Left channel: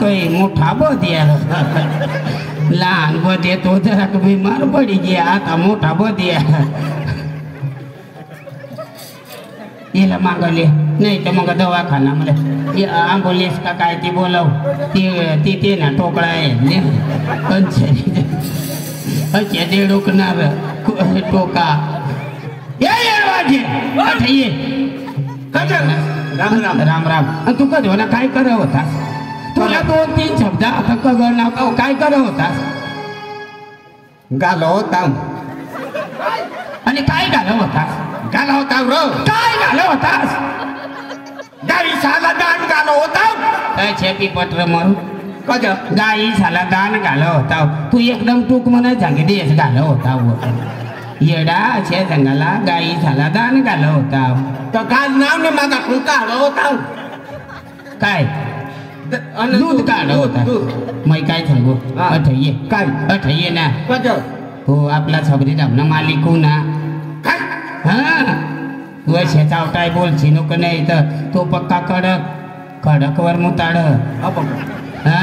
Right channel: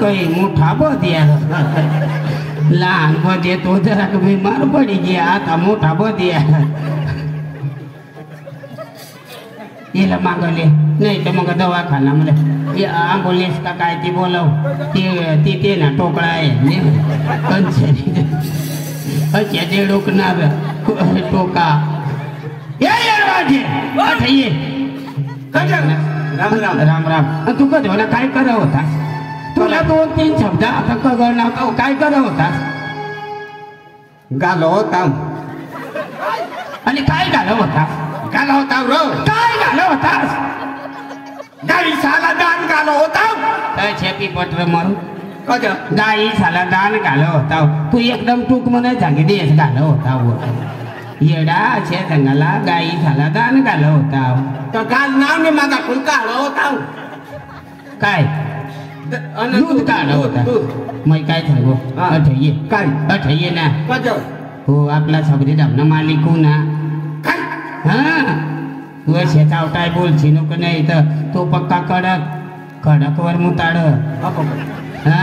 कई मोठा बदिया लहान बदे तो जरा बीमार पड़ी गया आता मोठा बदिया हिला मागले नाही तर मग दवाखाना मध्ये ॲम्ब्युलन्स का काय ती बोलव ती ना ठोकळा आहे अचे डोकणार टोका राम राम राम राम तू कधी होणार काय करत होतास तुला 2-3 शब्द आता कळणार काय करत होतास गालो होता आणि काय घालव होतास गालो होता रो काय घालव होतास गाई साला दान गालो होता छेपी पत्र मारू कद गाई साला दान घालव होता तू एकदम टूक म्हणे सांगितलीस घालव होता येडा छे सांगाला गाई साला दान घालव होता तर गाल नाव ने माझा फुलका हवा होता काय दूध काढ होता मैं काय सांगू अठये काय अठये ना कद तो आपला सबरी धामना मालिक हो ना काय हा तू असे चावटाय बोलची नको नाही तर तो पक्का कडक वर मुताड हा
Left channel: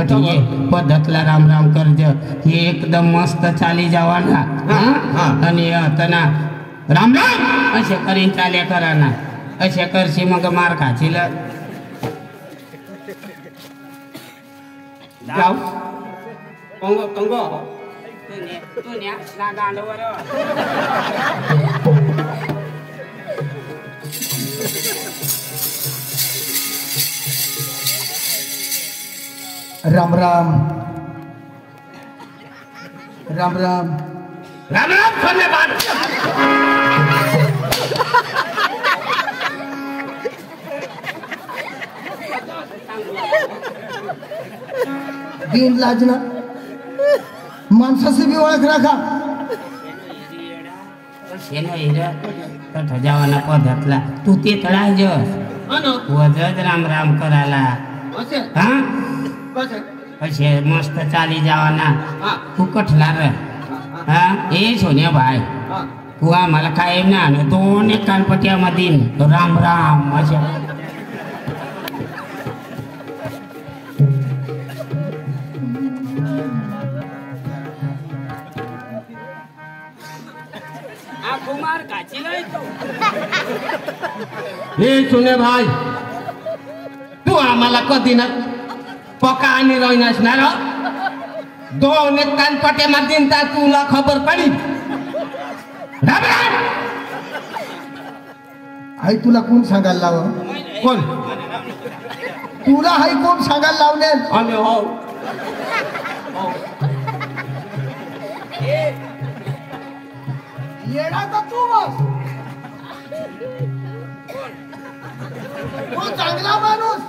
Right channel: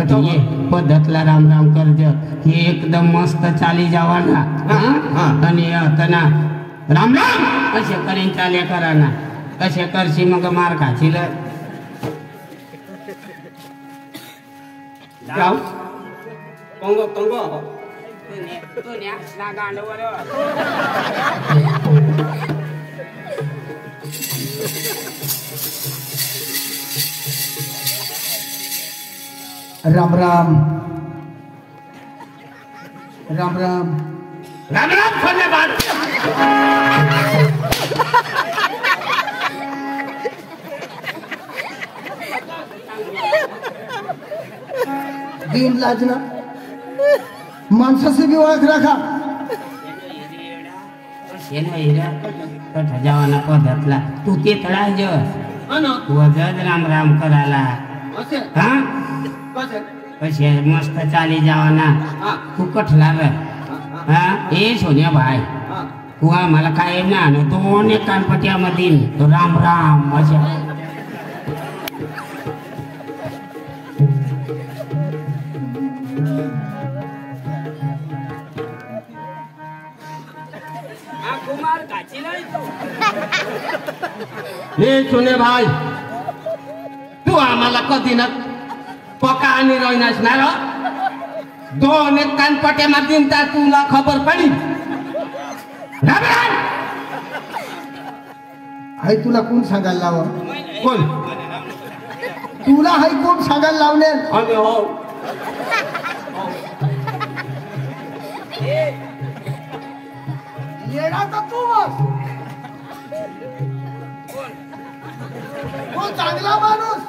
अठये पद्धतला राम राम करज हे एकदम मस्त चाली जावा ना आणि तना राम राम असे करीन चाले करा ना असे करशी मग मार खाशील जाऊ पंगो पंगो राम राम राम राम राम राम धन्यवाद दिन लाजना माणसाची बी ओळख राखा जावाना पद्धतला तू ते तळाज वजच राम राम करायला असे मस्त चाली जावाना तू कठला र हा ए सोन्या भाई तू आम्हाला काय ना 2 कानपट्यामध्ये राम राम अशा कुमार काची नाही हे सुने भाई तू आम्हाला कधी ना पका आणि रोई नसणार 2 कानपट्यामध्ये तुला खबर पडी हाय तुला कोण सांगायला लाव कोण तुला हाय कोण सांगायला लावले अरे हो येडा तर तू बस तो चांगला माणूस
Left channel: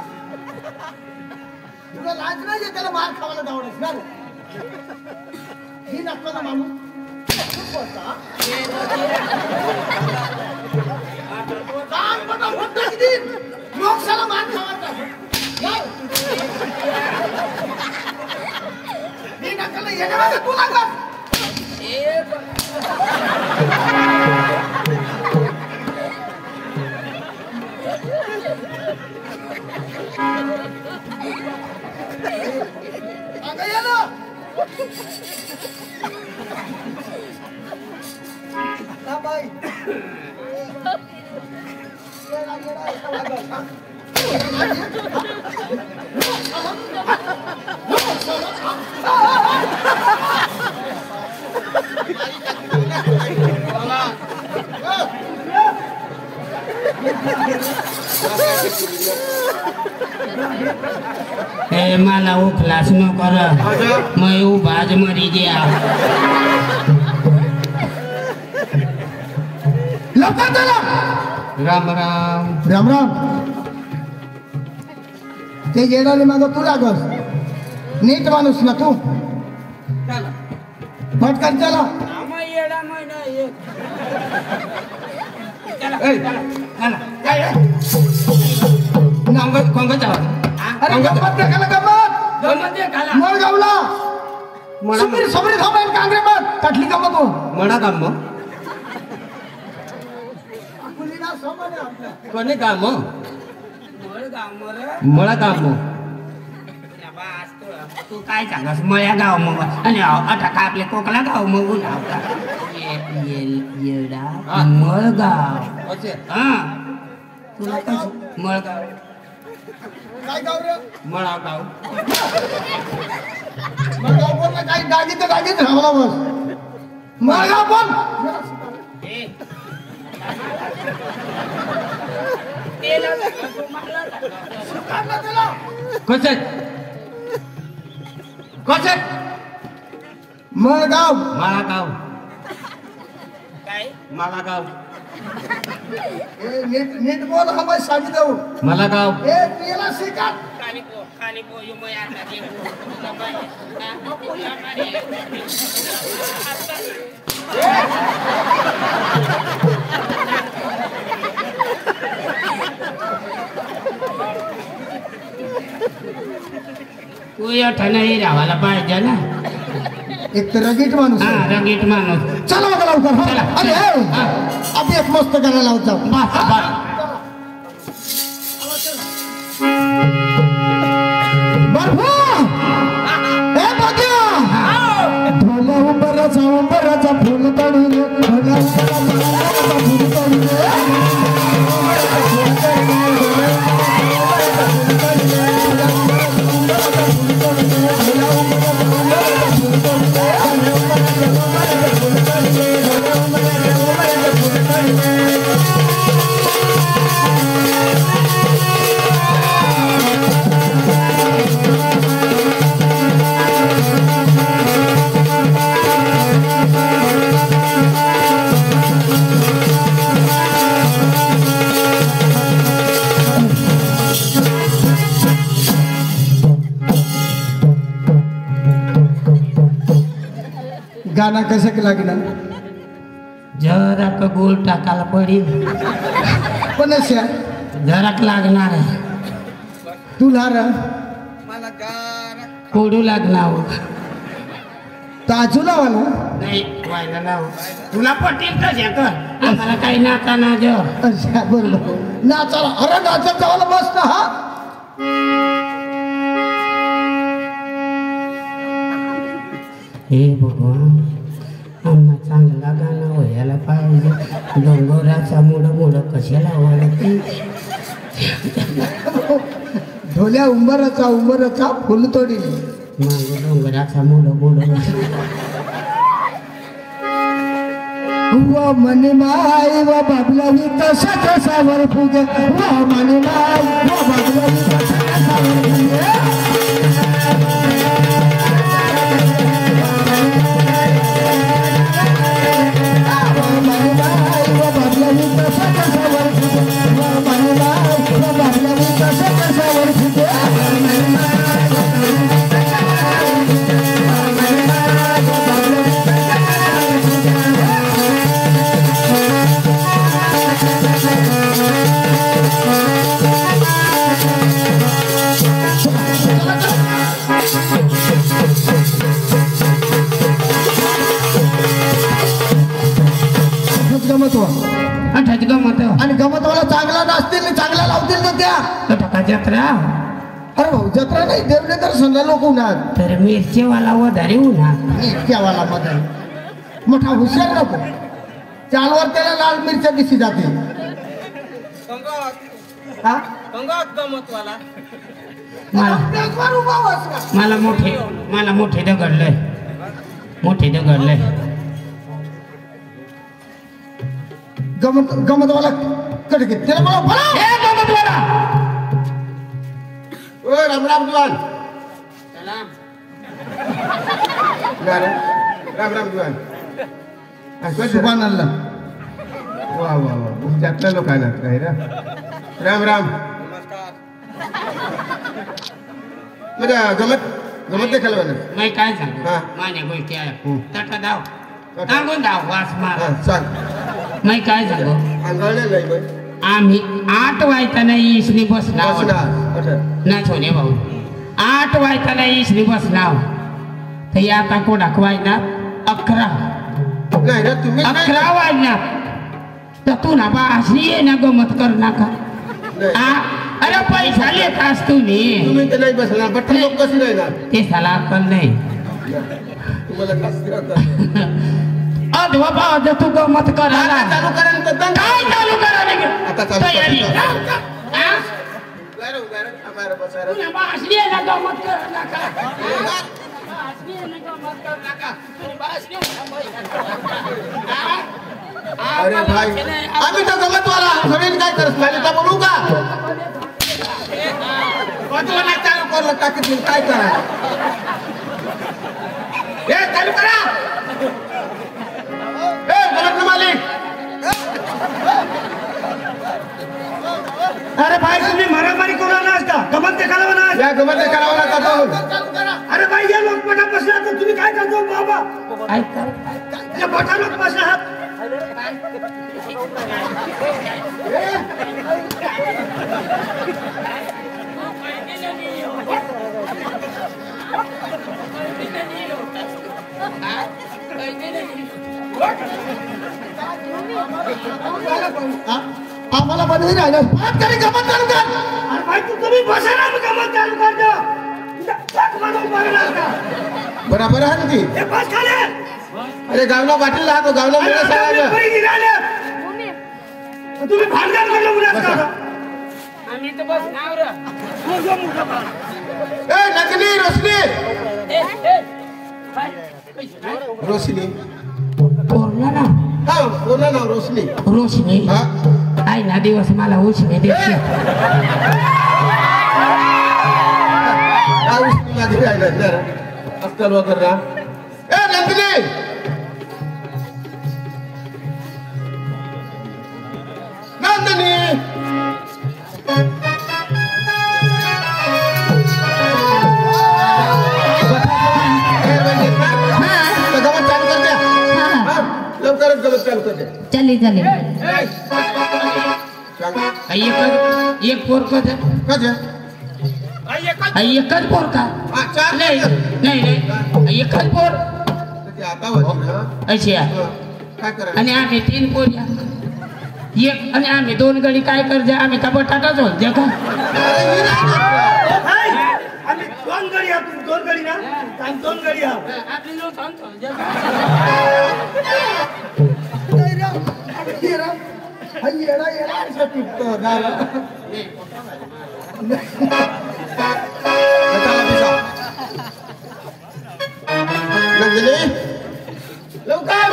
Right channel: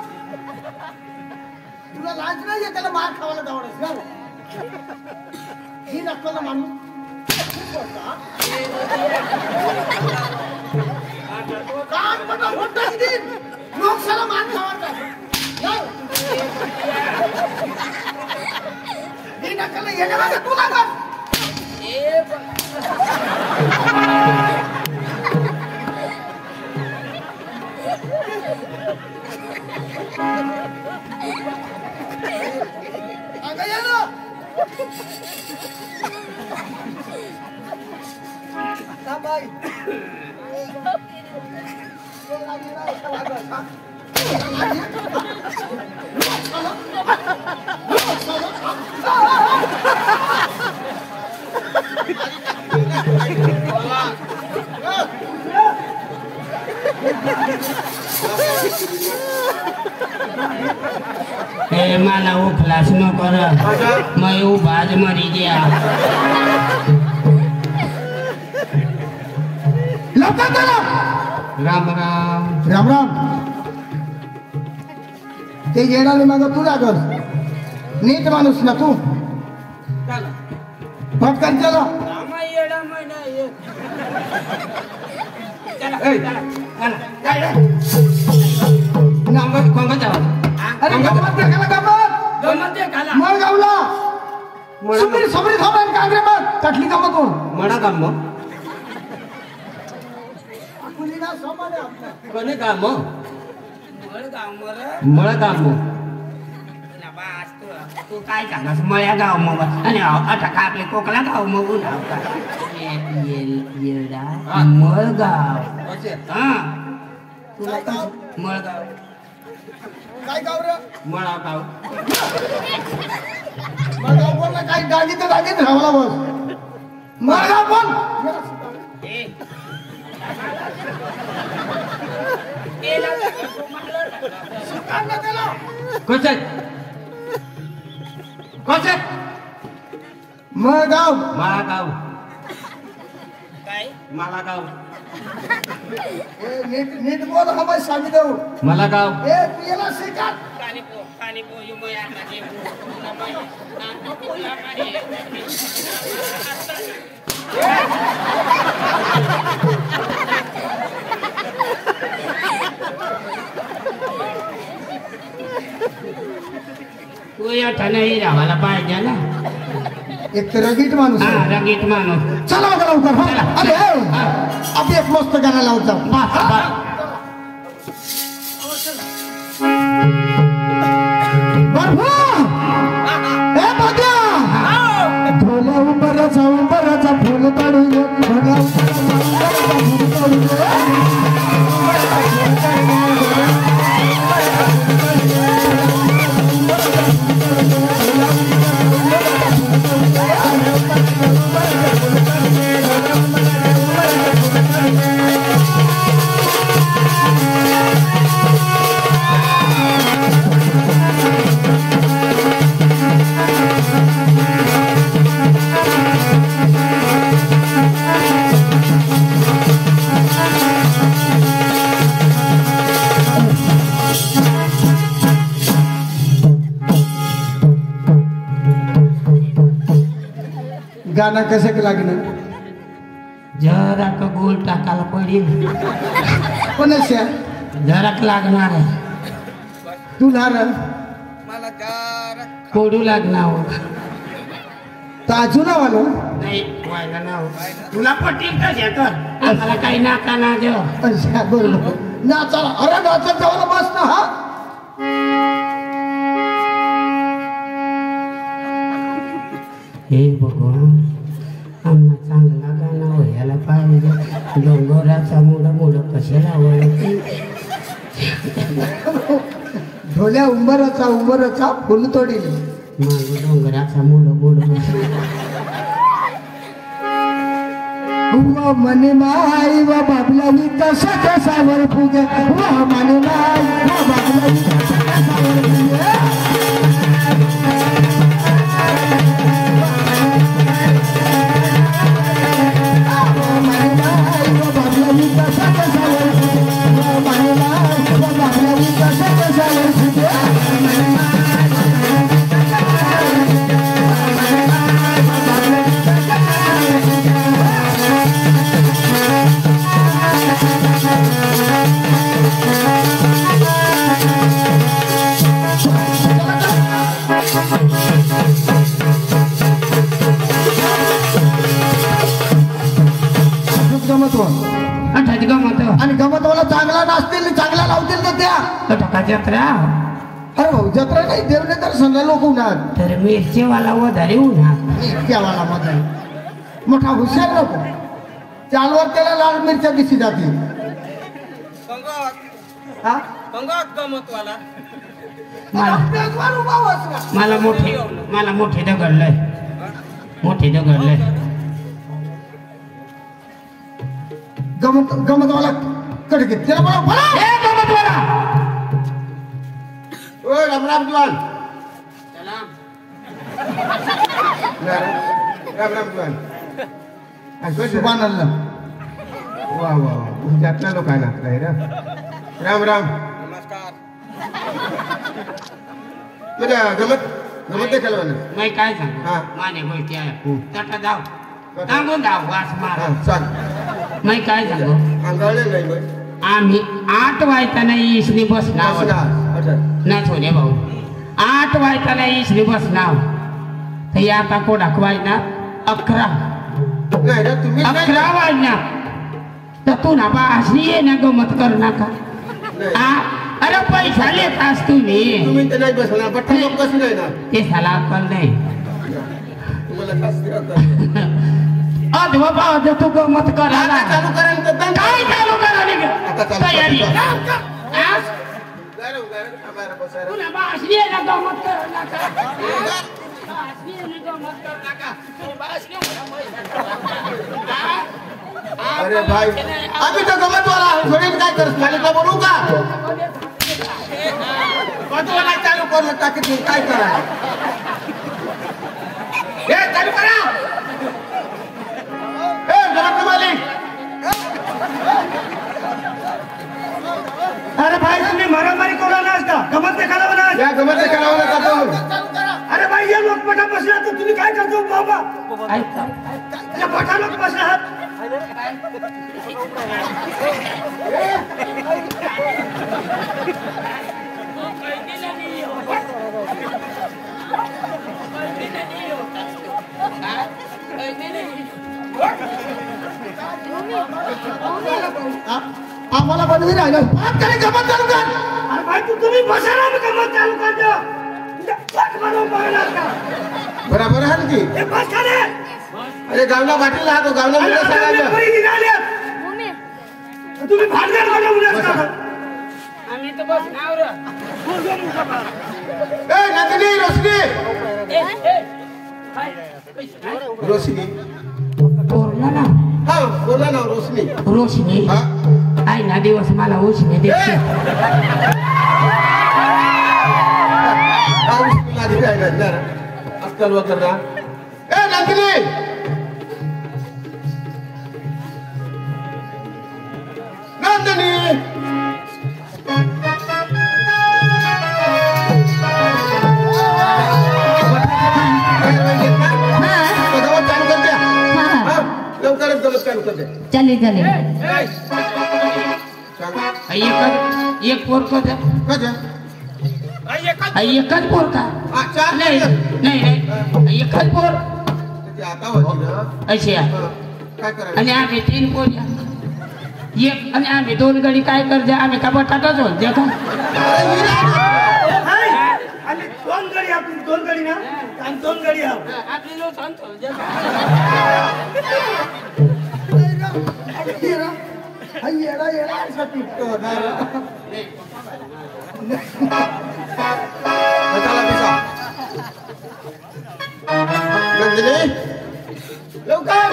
तुला लाज नाहीये त्याला मार खावायला जावडस ही नकला माणूस लोक सारा मार खावायचा ही नकला येणे माझा तू नका मला उखलास न कर मैं उभाज मरी गया राम राम राम राम ते येणारी माग तुला कर नीट माणूस ना तू पटकन चला अरे गमत नका गमत मळ गावला सुमरी सबरी खाऊन कांगरे मार तटली गमत हो मडा काम कुलीना समले आपल्या कोणी काम मळा काम तू काय सांगस मया गाव मग आणि आता का आपल्या कोकला गाव मग येडा मळगाव हा मळगाव काय गाव रे मळगाव मळगाव बोल ना काही गाडी तर गाडीत राहला बस मळगाव बोल मळगाव माळागाव काय माळागाव नीट नीट बोल हा बाई सांगितलं मला गाव ए तू याला शिकाल कालिपो यो मय आता तू एवढा नाही राहायला पाहिजे ना एक तर रगीट माणूस हा रंगीत माणूस चला बघा लवकर हा. चला. अरे आपण एक मस्त गाणं लावून जाऊ उंबराचा उंबराचा फुल तोडून गाना कसं के लागणार जरा का गोल टाकायला पडेल कोणाच्या जराक लागणार आहे तुला रे कोडू लागणार ताजू नावाला नाही व्हायला नाव तुला पटेल का कर आम्हाला काही नाका ना देव अच्छा बरोबर नाचाला अरे नाचत जावाला बस ना हा हे भगवान आम्हाला चांगला गाणं व्हायला पाहिजे डोंगराचा मुड कशाला वळत ढोल्या उंबराचा फुल तोडील डोंगराचा मुड व मने माई व बाबलानी तसा तसावर फुगे व मने माई व बाबलानी तसा तसावर फुगे आणि गमतवाला चांगला नाचतील चांगला लावतील ना त्या जत्रा अरे भाऊ जत्रा नाही देवने तर संध्या लोक उन्हात तर मिरचीवाला वधारे उन्हा त्यावाला मध्ये मोठा हुशार नको चालवर त्याला लाल मिरच्या दिसली जातील मला मोठे दगडलंय गमतवाला कडे घेत त्याला मला राम राम दुकान राम राम दुकान सुभान अल्लाह वा वा वा त्यातल्या लोकांना काय रे राम राम म्हणजे गमत खेळवा मी काय सांगू हा. माझ्या गोष्टी आहे तटा धाव सांगून धाव वास मार सांग मी काय सांगू अंगाळलेलं आहे मग आम्ही 8 वाजताना इसनी बसला ना छोले भाऊ 8 वाजताना इसनी बसला तर आता कोण वाजना 11 नाही रे तुम्ही 11 वाजना तर तू ना बा असली ये ना गमत करू नका अरे पैसा लेत असतो मी तुम्ही तर नाही बसला बट्टा लोक कशी राहणार ते साला अक्कल नाही तुम्हाला शास्त्री होतं अधवा भाव तू गमत कर आता चालू करा ना तर बंद काय चालू करा रे आता चालू तयारी करा. हा? उगार थांबायला बसायला तुला बासरी आहे ना गमत कर नका बासरी आहे ना गमत कर नका तुला बासरी म्हणा पैसा कर नका. हा? अरे भाई आम्ही तर गमत वाला थोडी काय करत माझे का बोलू का कटवाला चालू करू का की तुम्ही काय करा हे चालू करा हे घरातले मालिक अरे भाई तुम्ही मारामारी करू नसता गमत देखायला म्हणा या गमत करावं लागतं अरे भाई या लोक पटा बसला तर तुम्ही काय करतो बाबा या मोठा लोक बसला आहात आम्हाला बनवी राहिलं आमच्याकडे गमत चालू कर अरे भाई तुम्ही बसा ना गमत चालू करतो पट मारून बघणार का बरोबर आहे ना ती हे बस खाले अरे गावना वाटेल राहतो गावना मुलं सांगायचं तुम्ही भांडण मला उद्याच करा आणि तर बस नाव र ए नकली रोशनी रोशनी बोलला ना हा बोला ना रोशनी रोशनी हा आई ना दिवस मला उशने देते रोशनी माझी राहिला ना अस्सल वगैरे ना ए नकली नंदिनी चालू करते चले चले एक पोर का एकच पोर का नाही नाही एकच पोर अशी काय करायचं आणि आम्ही 3 पोरी एक आणि आम्ही 2 गडी काय करते आम्ही का बटाटाच होते का आम्ही 2 गडी आहात 2 गडी ना आम्ही 2 गडी आहात आपली लोक सांगतो येडा येडा असा पिटतो लवकर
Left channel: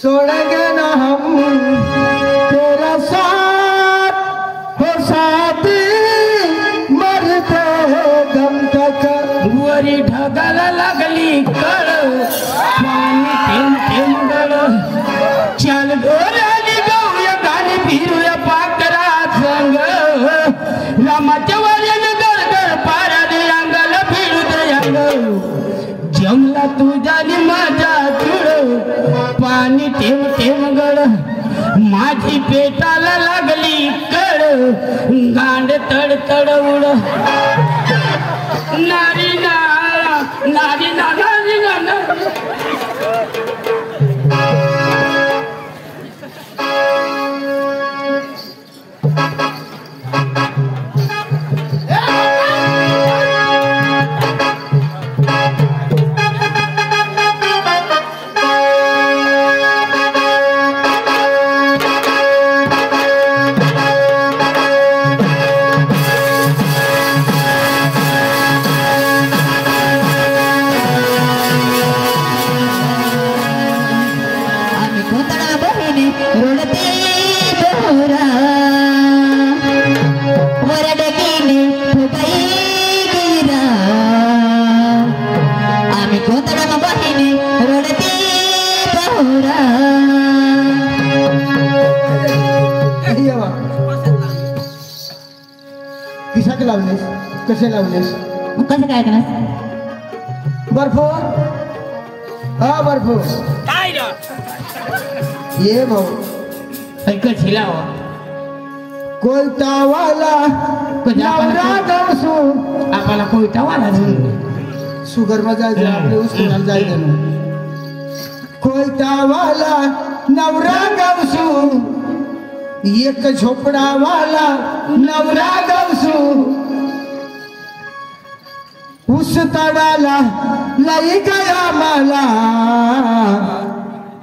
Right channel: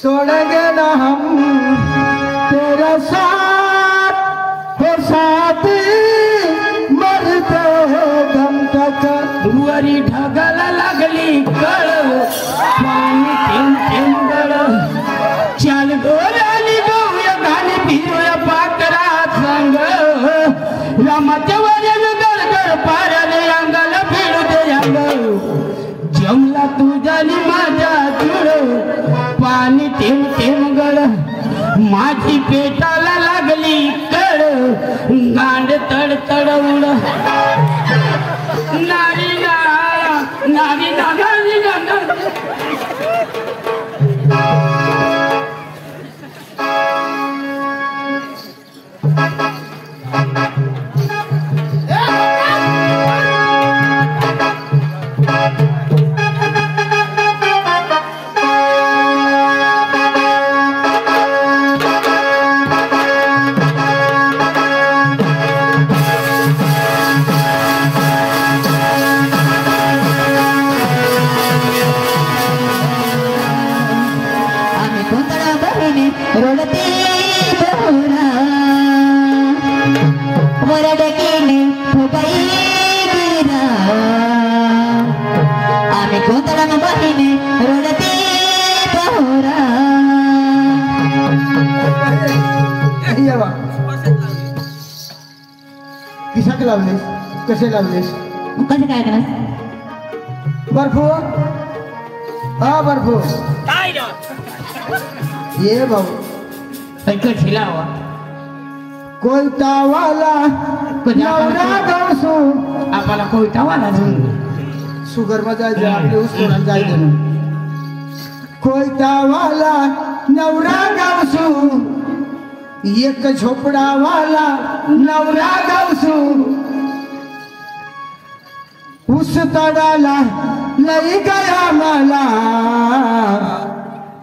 छोड़ेंगे ना हम तेरा साथ हो साथी मरते दम तक वरी ढगाला लागली कळ पाणी थेंब थेंब गळ चाल गोराली गौया गाणी फिरूया पाकरा संग रामाच्या वाऱ्यान गडगड पाराने अंगाला फिरू दे अंग जमला तुझ्यानी माझ्या जुळ पाणी थेंब थेंब गळ माझी पेटाला लागली कळ गांड तड तड उड नारी ना नारी ना नारी ना नारी किशात लावलीस कसे लावलीस कसं काय केलं बर्फू हा बर्फू ये भाऊ कशी लावा कोयता वाला नवरा दासू आपल्याला कोयता वाला म्हणून शुगर मध्ये जायचं आपले उस्मानात जायचं कोयता वाला नवरा गावसू एक झोपडावाला नवरा गावसू ऊस तडाला लई गया मला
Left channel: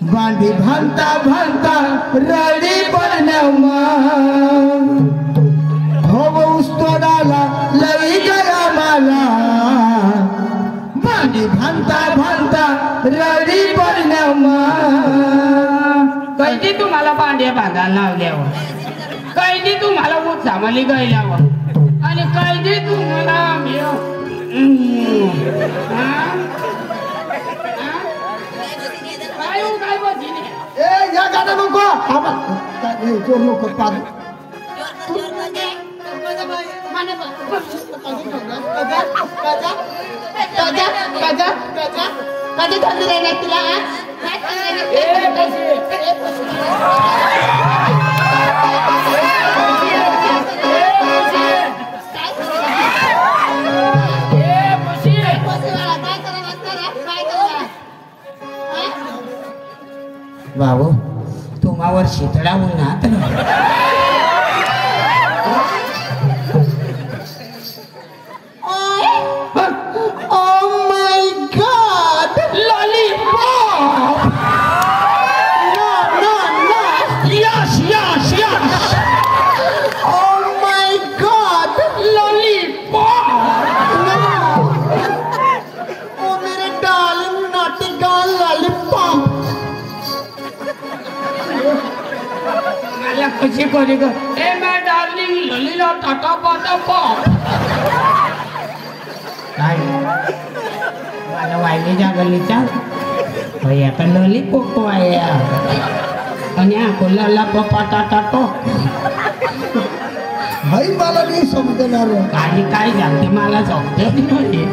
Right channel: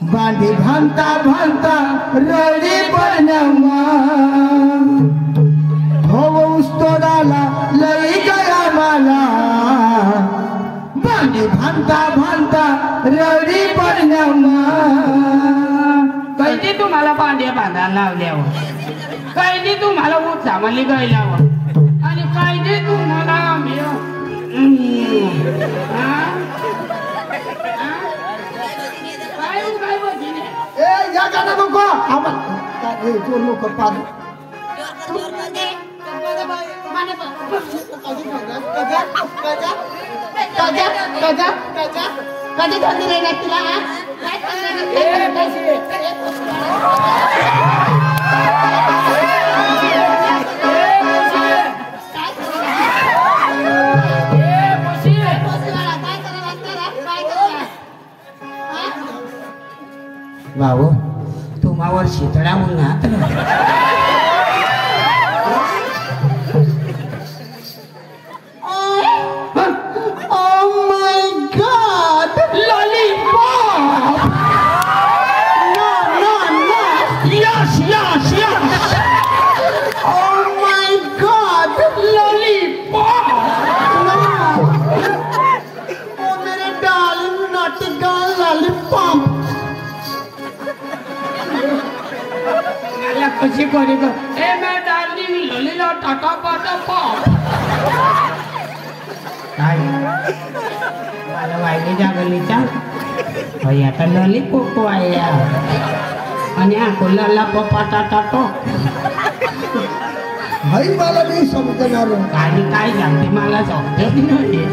बांधी भांता भांता रडी पडण्यामा हो ऊस तोडाला लई गया मला बांधी भांता भांता रडी पडण्यामा कैदी तुम्हाला भांडे बांधायला लावल्यावर कैदी तुम्हाला उचावली गायल्यावर आणि कैदी तुम्हाला काय हो काय बघितले ए या गाणं नको आम्हाला जो लोक पाहतो बाबू तुम्हावर शितळा उन्हात कशी करी ग ए मैं डार्लिंग ललीला टाटा पाटा पॉप काय मला वाहिलेच्या गल्लीचा आता लॉलीपॉप आहे आणि हा लला पपाटा टाटो भाई मला मी समजणार आणि काय झालं मला समजत नाही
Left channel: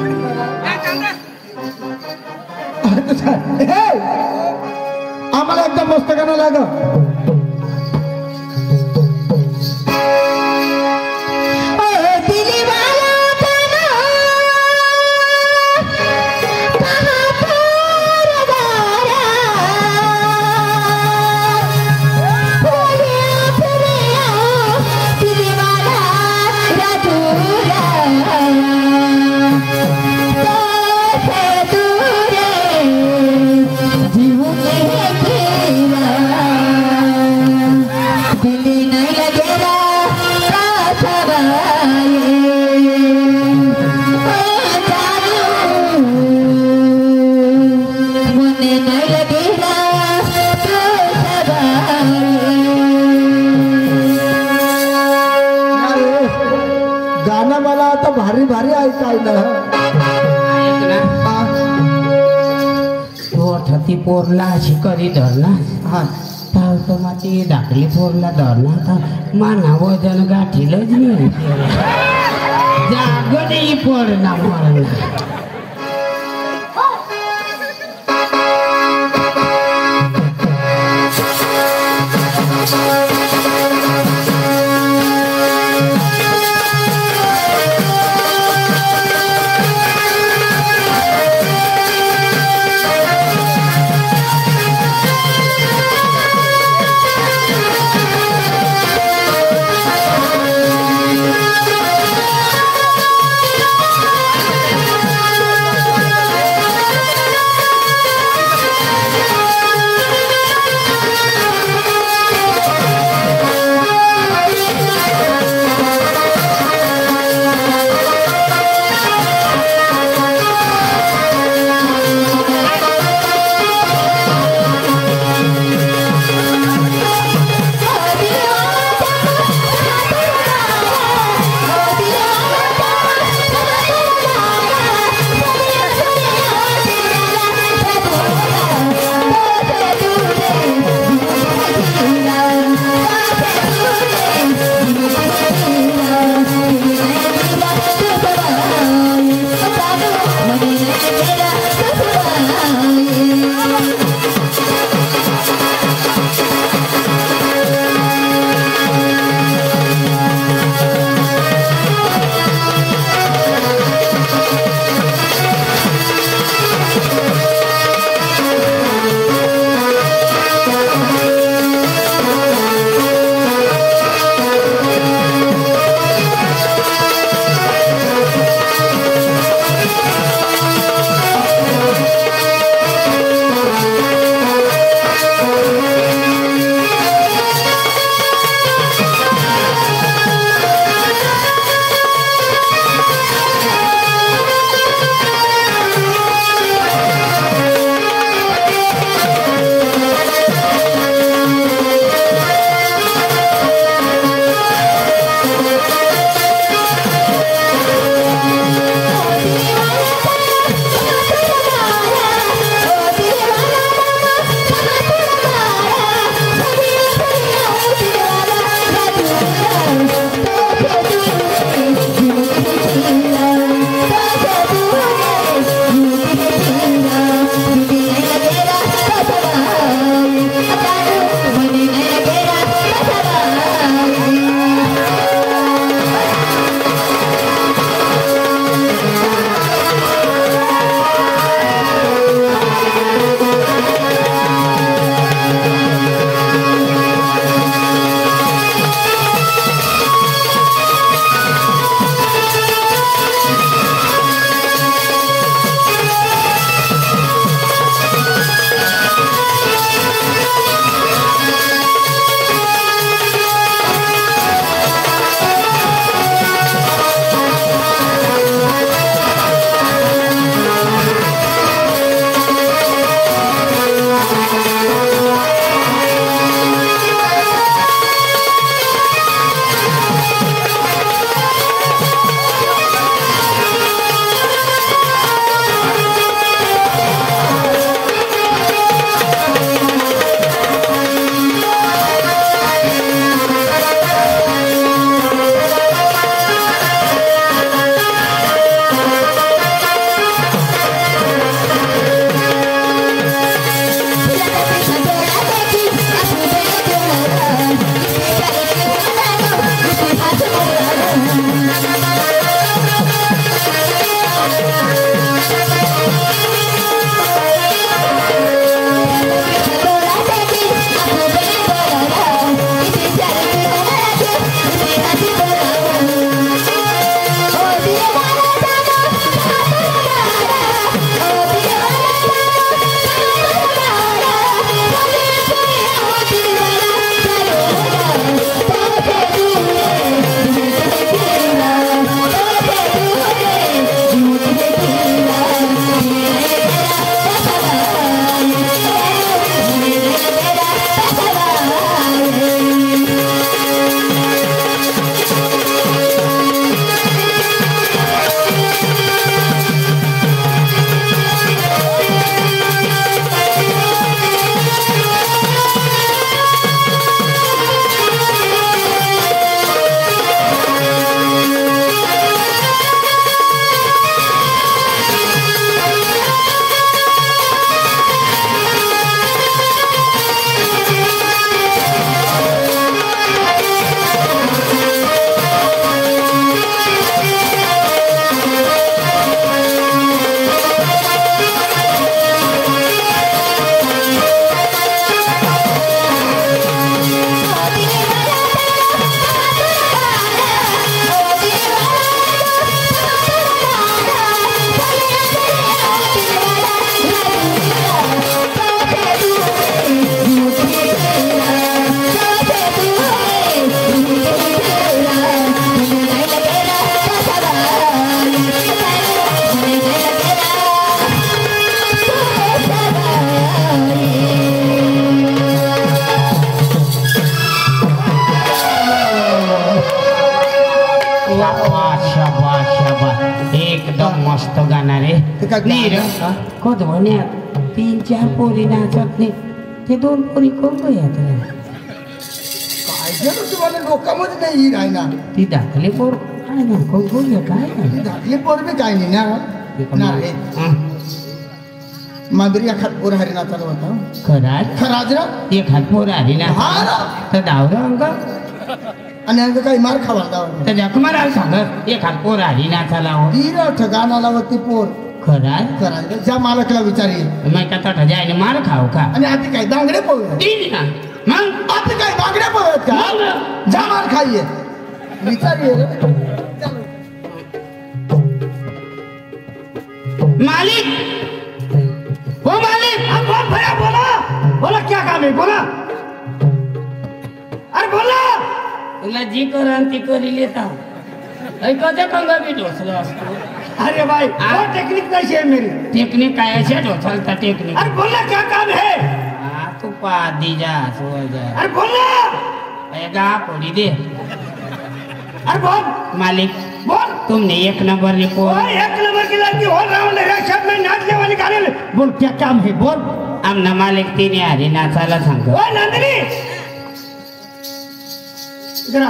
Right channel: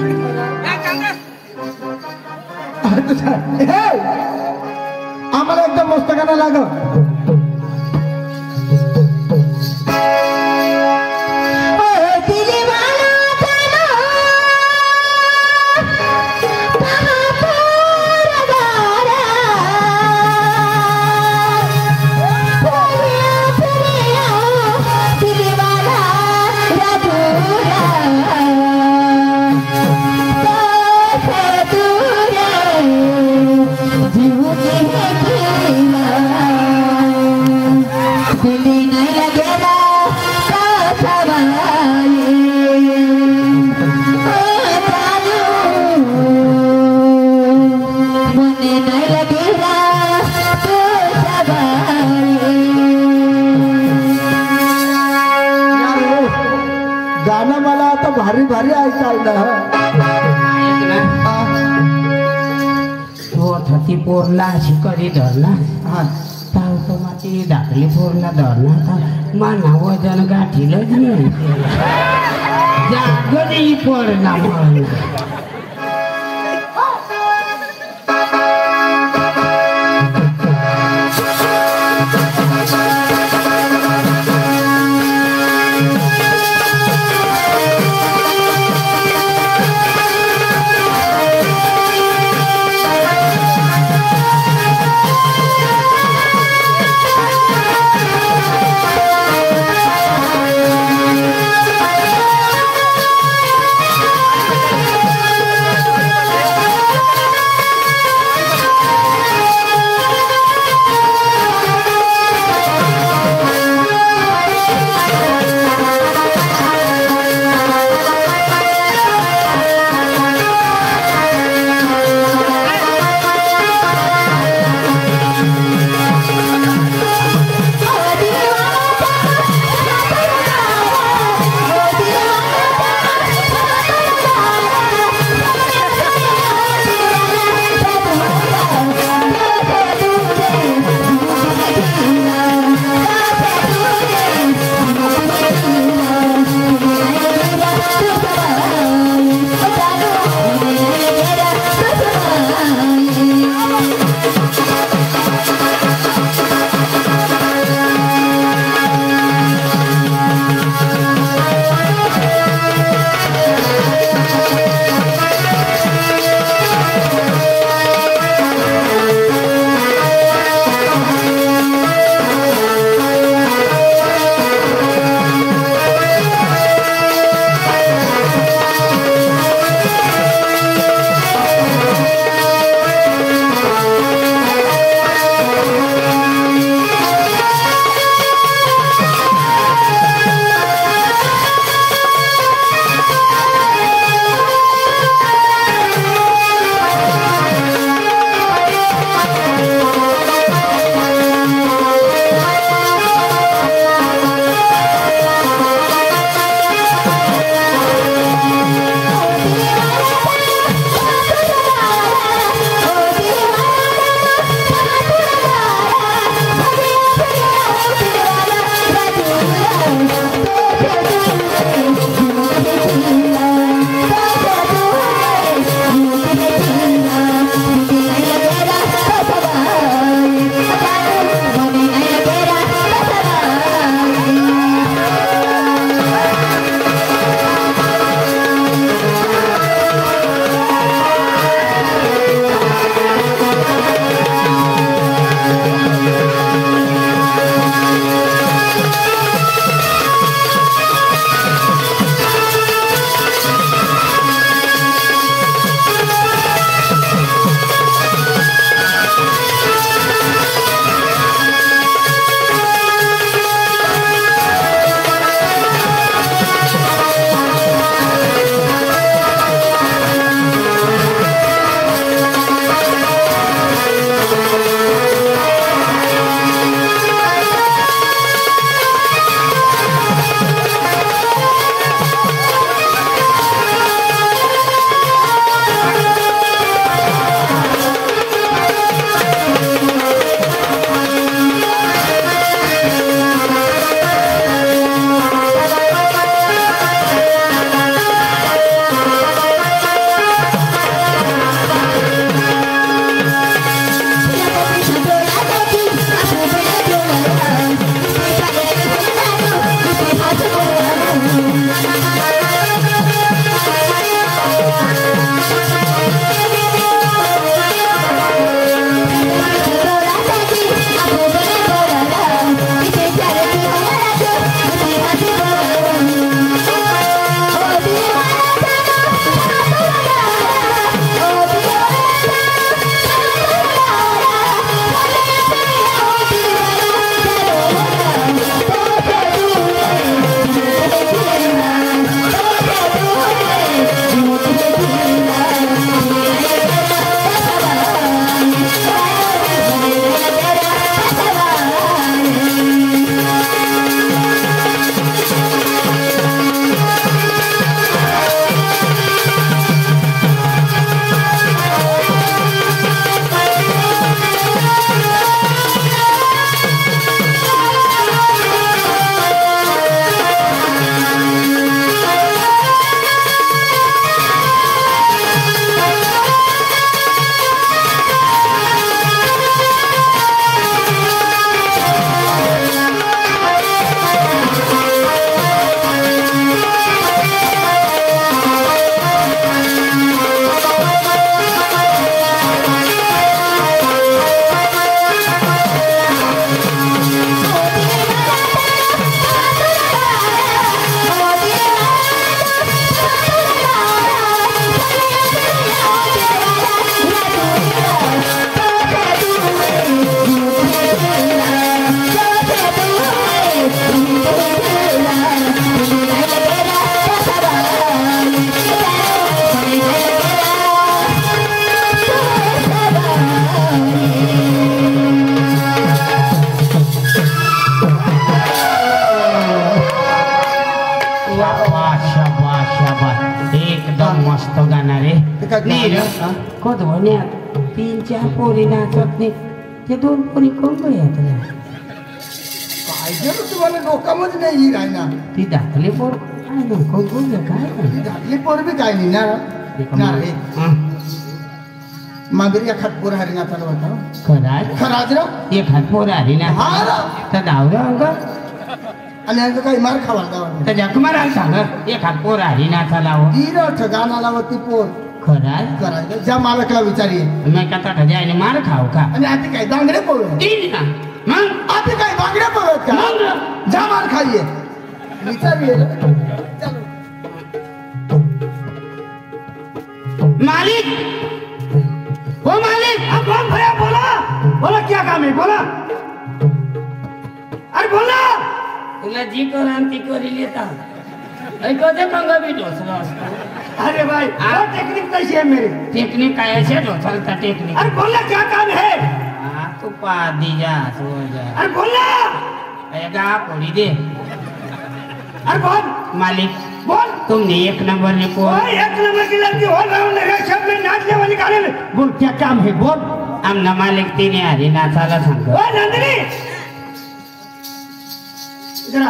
आम्हाला एकदम मस्त गाणं लाग गाणं मला आता भारी भारी ऐकायला ती पोरला अशी करी धरला ती धाकली पोरला धरला माना वजन गाठीलच नाही जागदी पडला मला नाही रे कोत म्हण्यात 3-4 पोरी नाचत नाही ते 2 पोरी कोण येत रे काय झालं तुम्हाला डोक्यामध्ये नाही ही राहिना ती दाखले पोर आणि कोण काय धाकली पोर बी काय नाही ना नाही मागरी एखाद पोर हरिनाथाला होता खराज रा एक हात पोर हरिनाथ हा ना तर धावरा अंग आणि अंग काही मार खावा दाव तर जखमारा सांगत एक हात पोर हरिनाथा लाव ती न ठगाना लावती पोर खराज करायला ज्या मालकला विचारी मैं कथा ठजायने मार खाव का आणि आता काय बांगडे पोर तीन ना मग आता काय बांगड्या पोरत का मग जा मार खाईये विचारी मालिक ओ मालिक अब कौन भैया बोला क्या काम है बोला अरे बोला तुला जी करून ती करी लेता ऐकते पंगा बी ढोसला असतो अरे भाई हाँ? टेक्निक कैसी है मेरी टेक्निक काय असे ढोसलता टेक्निक अरे बोला क्या काम है हा तू पा दी जा सो जाय अरे बोला ऐदा कोणी दे अरे बोल मालिक बोल तुमने 1 नंबर ने पोर और 1 नंबर की लड़की हो राउंड लगा सब में नाचने वाली गाड़ी में बोल क्या काम है बोल आमना मालिक तिने हरिनाथाला सांग ओ नंदिनी जरा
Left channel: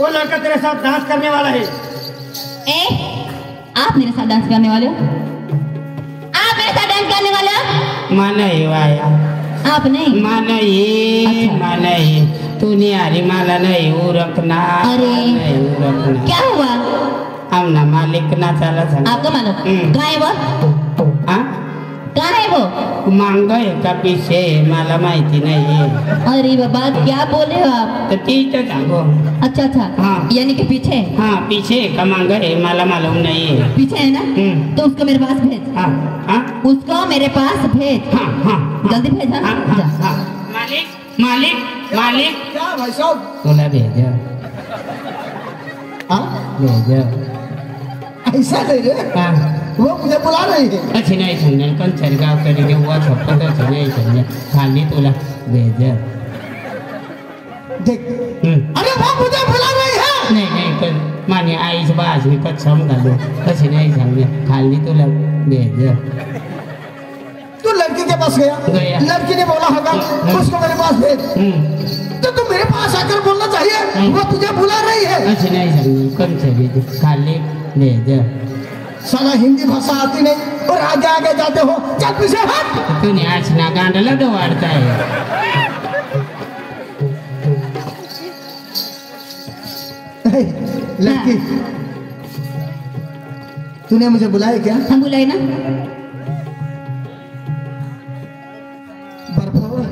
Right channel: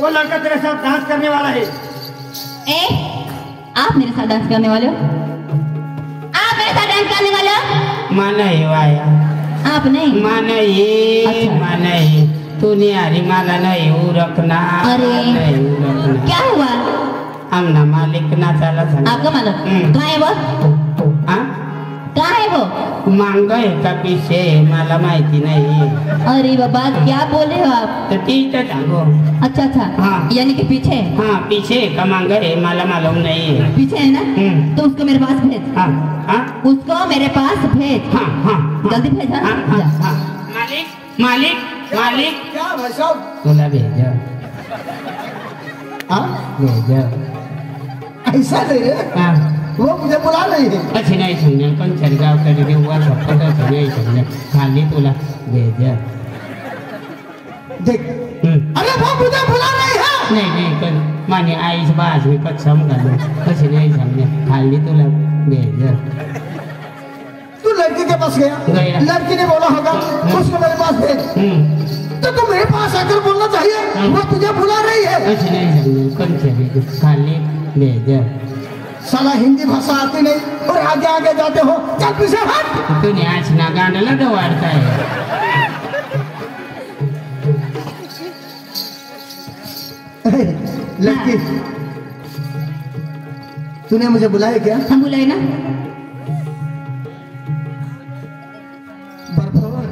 वो लड़का तेरे साथ डांस करने वाला है आप मेरे साथ डांस करने वाले हो आप मेरे साथ डांस करने वाले हो माना ये वाया आप नहीं माना ये अच्छा। माना ये तूने हरिमाला नहीं उरकना अरे। नहीं उरकना क्या हुआ आमना मालिक ना चाला सांग आपका मालूम हम्म। कहाँ है वो हाँ कहाँ है वो मांगोय का पीछे मला माहिती नाही अरे बाबा क्या बोले हो आप तर ती तर सांगो अच्छा अच्छा हाँ। यानी कि पीछे हाँ पीछे का मांगोय मला मालूम नहीं पीछे है ना हम्म। तो उसको मेरे पास भेज हाँ हाँ उसको मेरे पास भेज हाँ हाँ जल्दी भेज हाँ? हाँ हाँ जा। हाँ मालिक मालिक मालिक क्या भाई साहब तुला भेजा हाँ भेजा ऐसा नहीं रे हाँ वो मुझे बुला रही है कशी नाही समजेल पण सरगाव कडे जेव्हा फक्त नाही समजेल खाली तुला भेजा देख अरे वो मुझे बुला रही है नाही नाही पण माझी आईच बाज मी कसम घालू कशी नाही समजेल खाली तुला भेजा तू लड़के के पास गया गया। लड़की ने बोला होगा उसको मेरे पास भेज तो तू मेरे पास आकर बोलना चाहिए वो तुझे बुला रही है कशी नाही समजेल कम चली खाली भेजा साला हिंदी भाषा आती नहीं और आगे आगे जाते हो चल पीछे हट तूने आज ना गांडला तो वाढता है लड़की तूने मुझे बुलाया क्या हम बुलाए ना बरखबर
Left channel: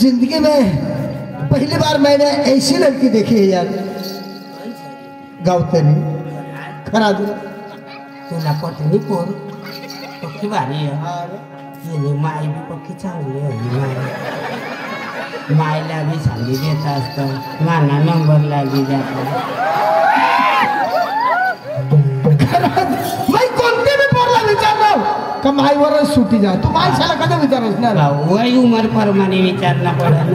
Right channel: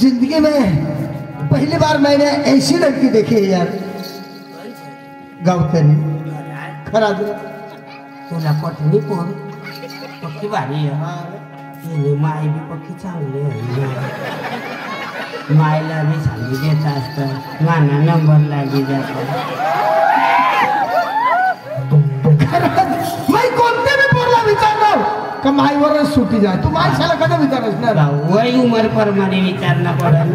जिंदगी में पहली बार मैंने ऐसी लड़की देखी है यार गावतरी खरा तुला पत्नी कोण पक्की भारी आहे तिने माय बी पक्की चांगली आहे मायला बी सांगी देत असतं नाना नंबर लागी जातो मैं कोणते बी पोरला विचारणार का माईवरच सुटी जा तू मायशाला कधी विचारस ना वय उमर प्रमाणे विचारणं पडत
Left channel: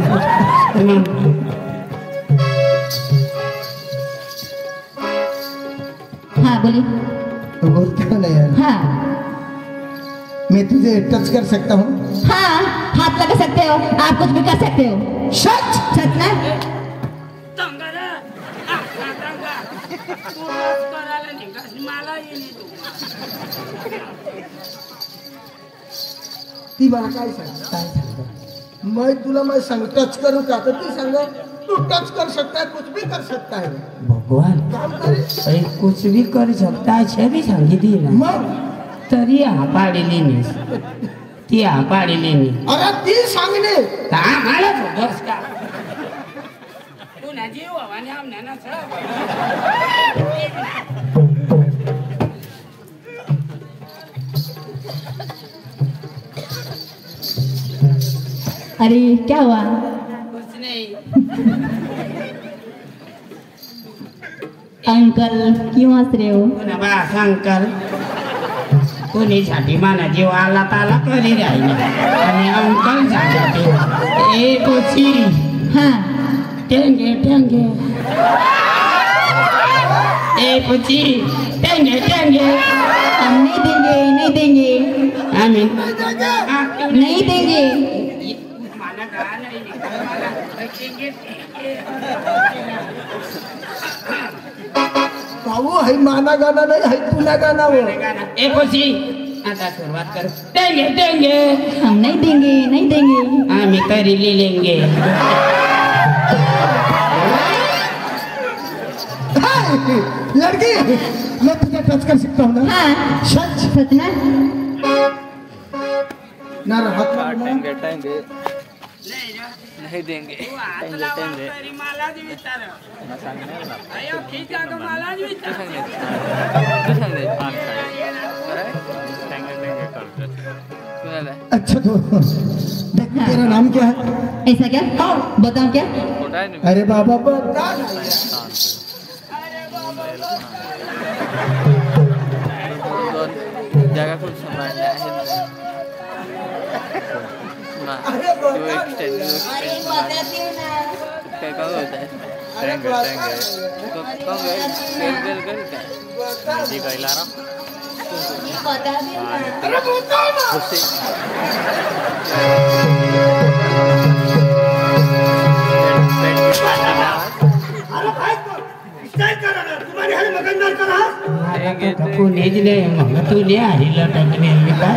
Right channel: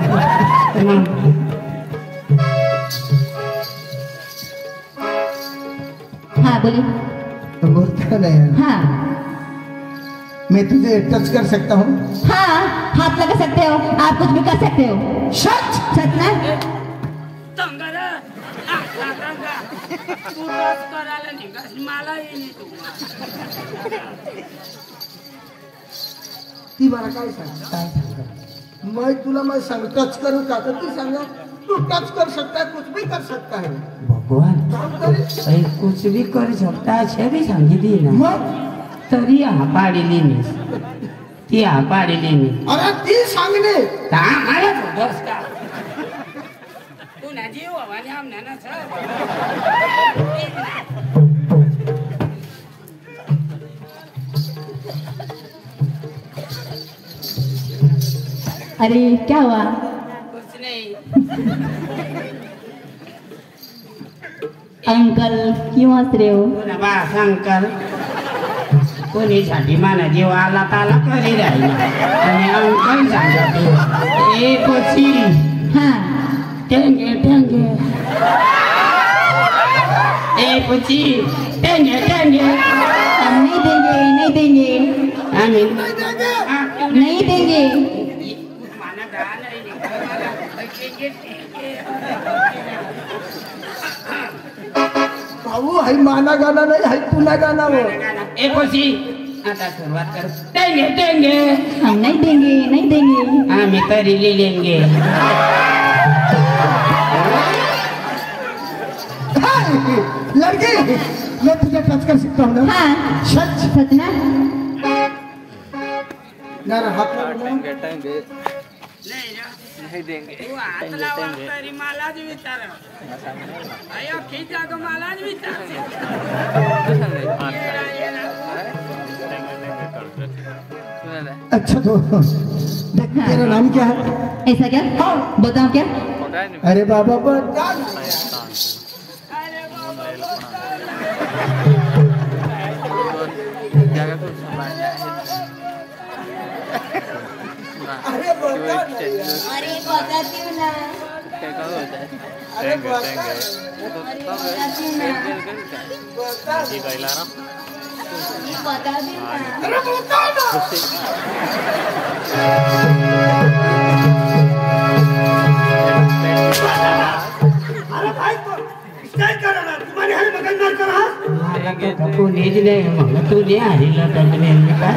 हाँ बोलिए तो बोलता का नहीं यार हाँ मैं तुझे टच कर सकता हूँ हाँ हाथ लगा सकते हो आप कुछ भी कर सकते हो सच सच ना ती मला काय सांग मैं तुला मैं संग टच करूँ का तो ती सांग तू टच कर सकता है कुछ भी कर सकता है भगवान काम करे काही कुछ भी करू शकता अशा बी सांगितली ना मग तरी हा पाडली नाहीस ती हा पाडली नाही अरे ती सांगणे आम्हालाच होतोस का पुन्हा जीव आणि आमण्याना अरे क्या हुआ कुछ नाही अंकल क्यों हंस रहे हो पुन्हा बा अंकल कोणीसाठी माना जीव आला ताला करी राहिला आणि अंकल सांगतो ए कोची हाँ टेंगे टेंगे पूछी देंगे देंगे हम नहीं देंगे नहीं देंगे आमीन नहीं देंगे भाऊ है माना गाना नहीं है पुना गाना वो ए पूछी आता सुरुवात कर देंगे देंगे हम नहीं देंगे नहीं देंगे आमी तरी ले लेंगे लड़की मैं तुझे टच कर सकता हूँ ना हाँ सच सच ना ना हाथ में नहीं देंगे टेंगे टेंगे अच्छा तो देख तेरा नाम क्या है ऐसा क्या बताओ क्या अरे बाबा बता जगह कुछ अरे बता अरे बताती हूँ ना टेंगे टेंगे कैला ना बताती हूँ अरे बता ना अरे भाई तो स्टाइल कर रहा तुम्हारे हाल मगज मार कर रहा तू नेज ले मग तू ले आली लटायला नेमकी काय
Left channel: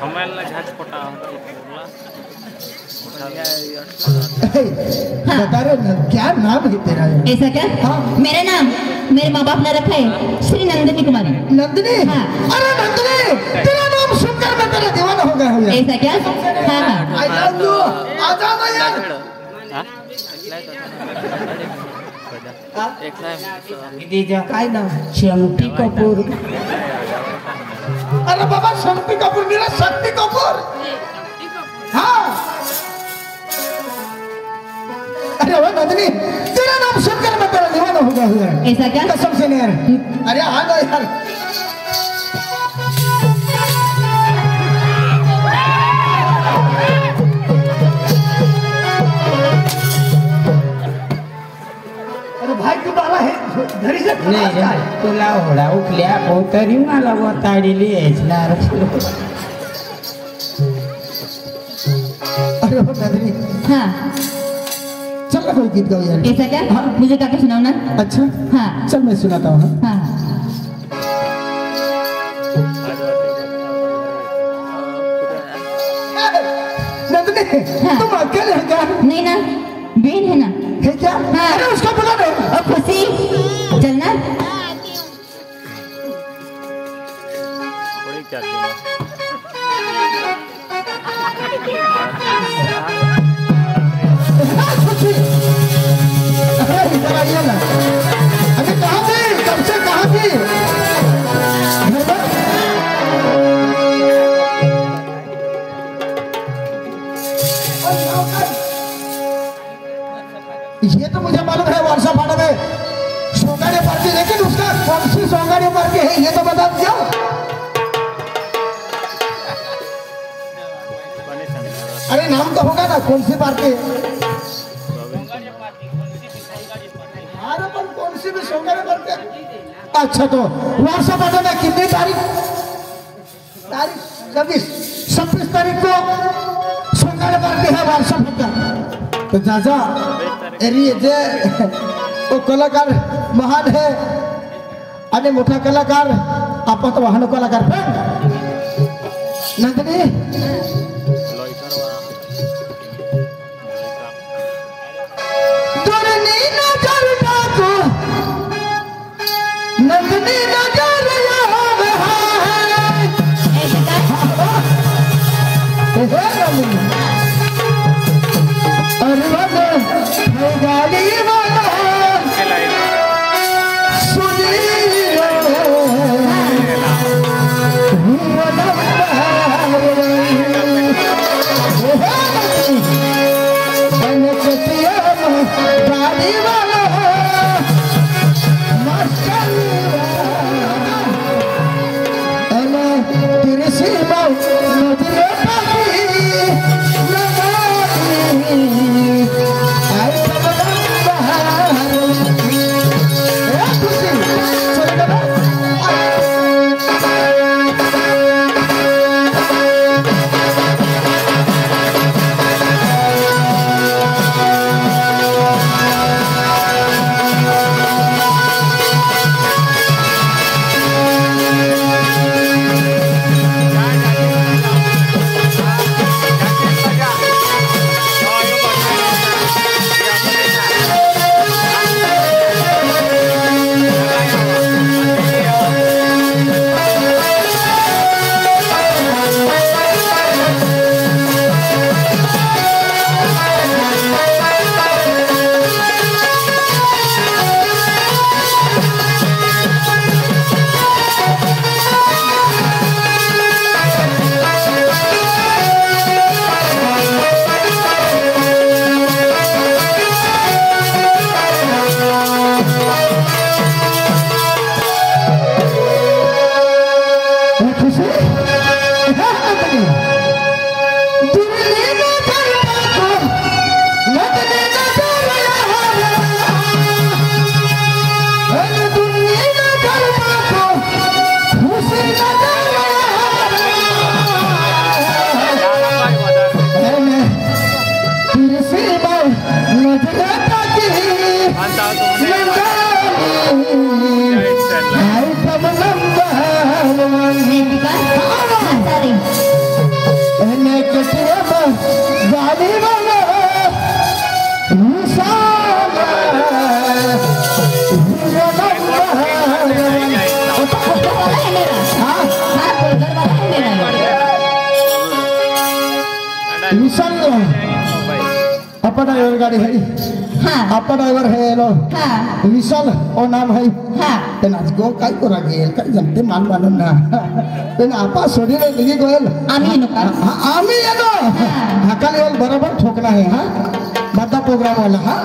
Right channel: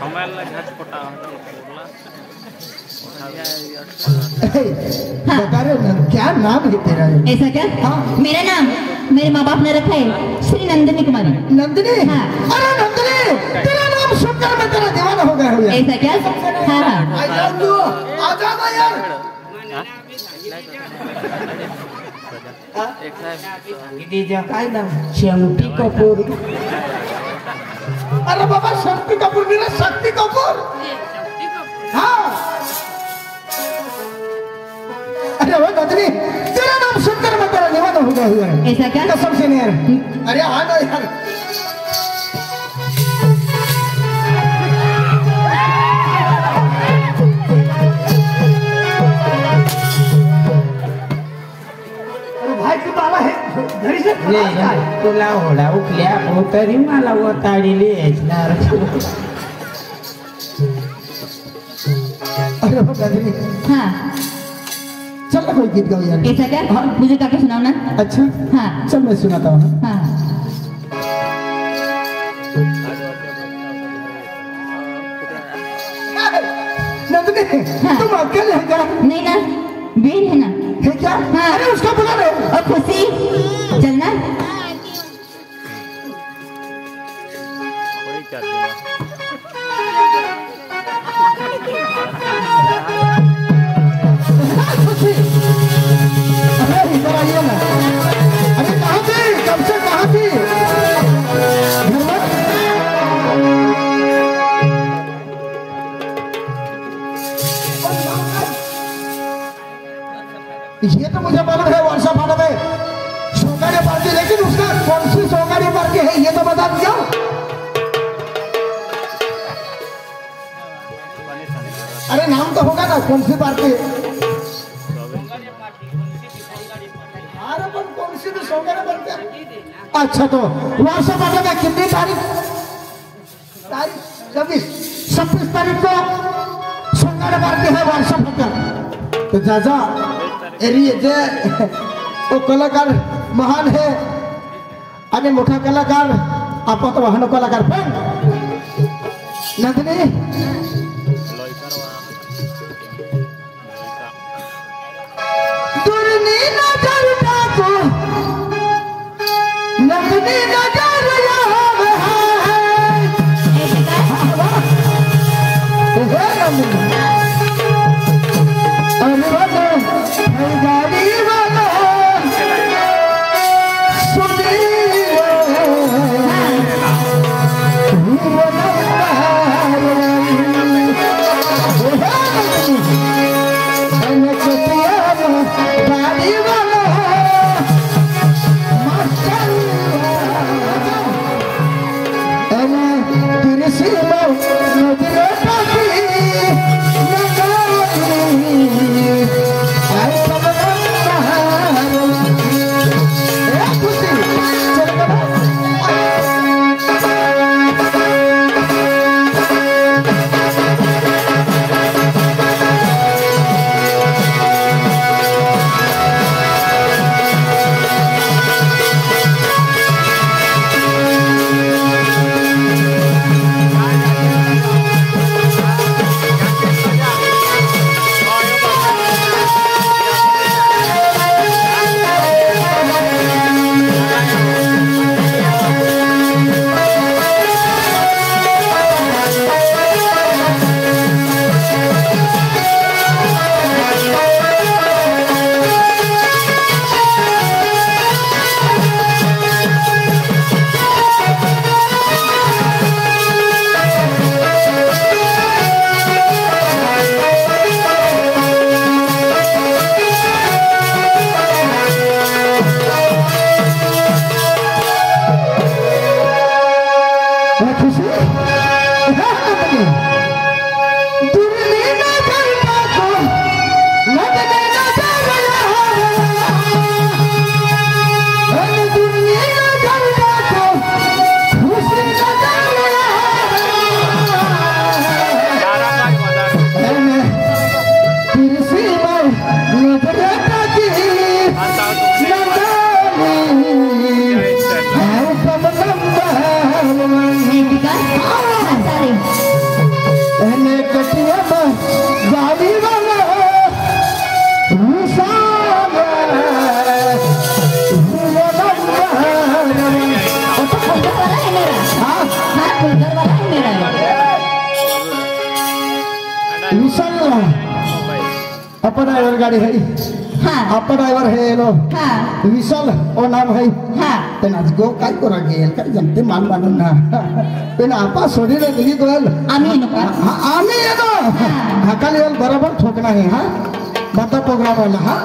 हमारा झाज पटा होटल पोरला बता रहे हो क्या नाम है तेरा ऐसा क्या मेरा नाम मेरे माँ बाप ने रखा है श्री नंदिनी कुमारी नंदिनी हाँ। अरे नंदिनी तेरा नाम सुनकर मैं तेरा दीवाना हो गया हूँ यार ऐसा क्या हाँ हाँ आई लव यू आजा ना यार दीजा काय नाम शंकी कपूर अरे बाबा शक्ति कपूर मेरा शक्ति कपूर हाँ अरे वो नंदिनी तेरा नाम सुनकर मैं तेरा दीवाना हो गया हूँ यार ऐसा क्या कसम से नहीं यार अरे हाँ ना यार अरे भाई तू बाबा है घरी से नाही तुला होडा उठल्या तरी मला वताडीली यायचणार अरे वो नंदिनी हाँ चल ना कोई गीत गाओ यार ऐसा क्या मुझे गा के सुनाओ ना अच्छा हाँ चल मैं सुनाता हूँ हाँ नंदिनी तुम अकेले हैं क्या नहीं ना बेन है ना है क्या हाँ। अरे उसको बुला लो और खुशी चलना थोड़ी क्या देना अरे इधर आइए ना अरे कहाँ थी कब से कहाँ थी ये तो मुझे मालूम है वर्षा फाड़े में सोगाड़ी पार्टी लेकिन उसका कौन सी सोगाड़ी पार्टी है ये तो बता दिया अरे नाम तो होगा ना कौन सी पार्टी अरे पर कौन सी भी सोगाड़ी पार्टी अच्छा तो वर्षा फाड़े में कितनी तारीख 26 तारीख को सोगाड़ी पार्टी है वर्षा फाटा तो चाचा अरे जे तो कलाकार महान है आणि मोठा कलाकार आपण तो वाहन कलाकार पण नंदिनी दोन्ही नजर टाको नंदिनी नजर याद है अरे वाला है गाड़ी वाला विशाल अपना ड्राइवर गाड़ी है आपका ड्राइवर है लो विशाल ओ नाम है तेना गो काय को रागेल काय जमते मान मानून ना तेना आपा सोडी रे गेली गल आम्ही येनो हाकाली वाल बरोबर ठोकना है हां बता प्रोग्राम वाला हां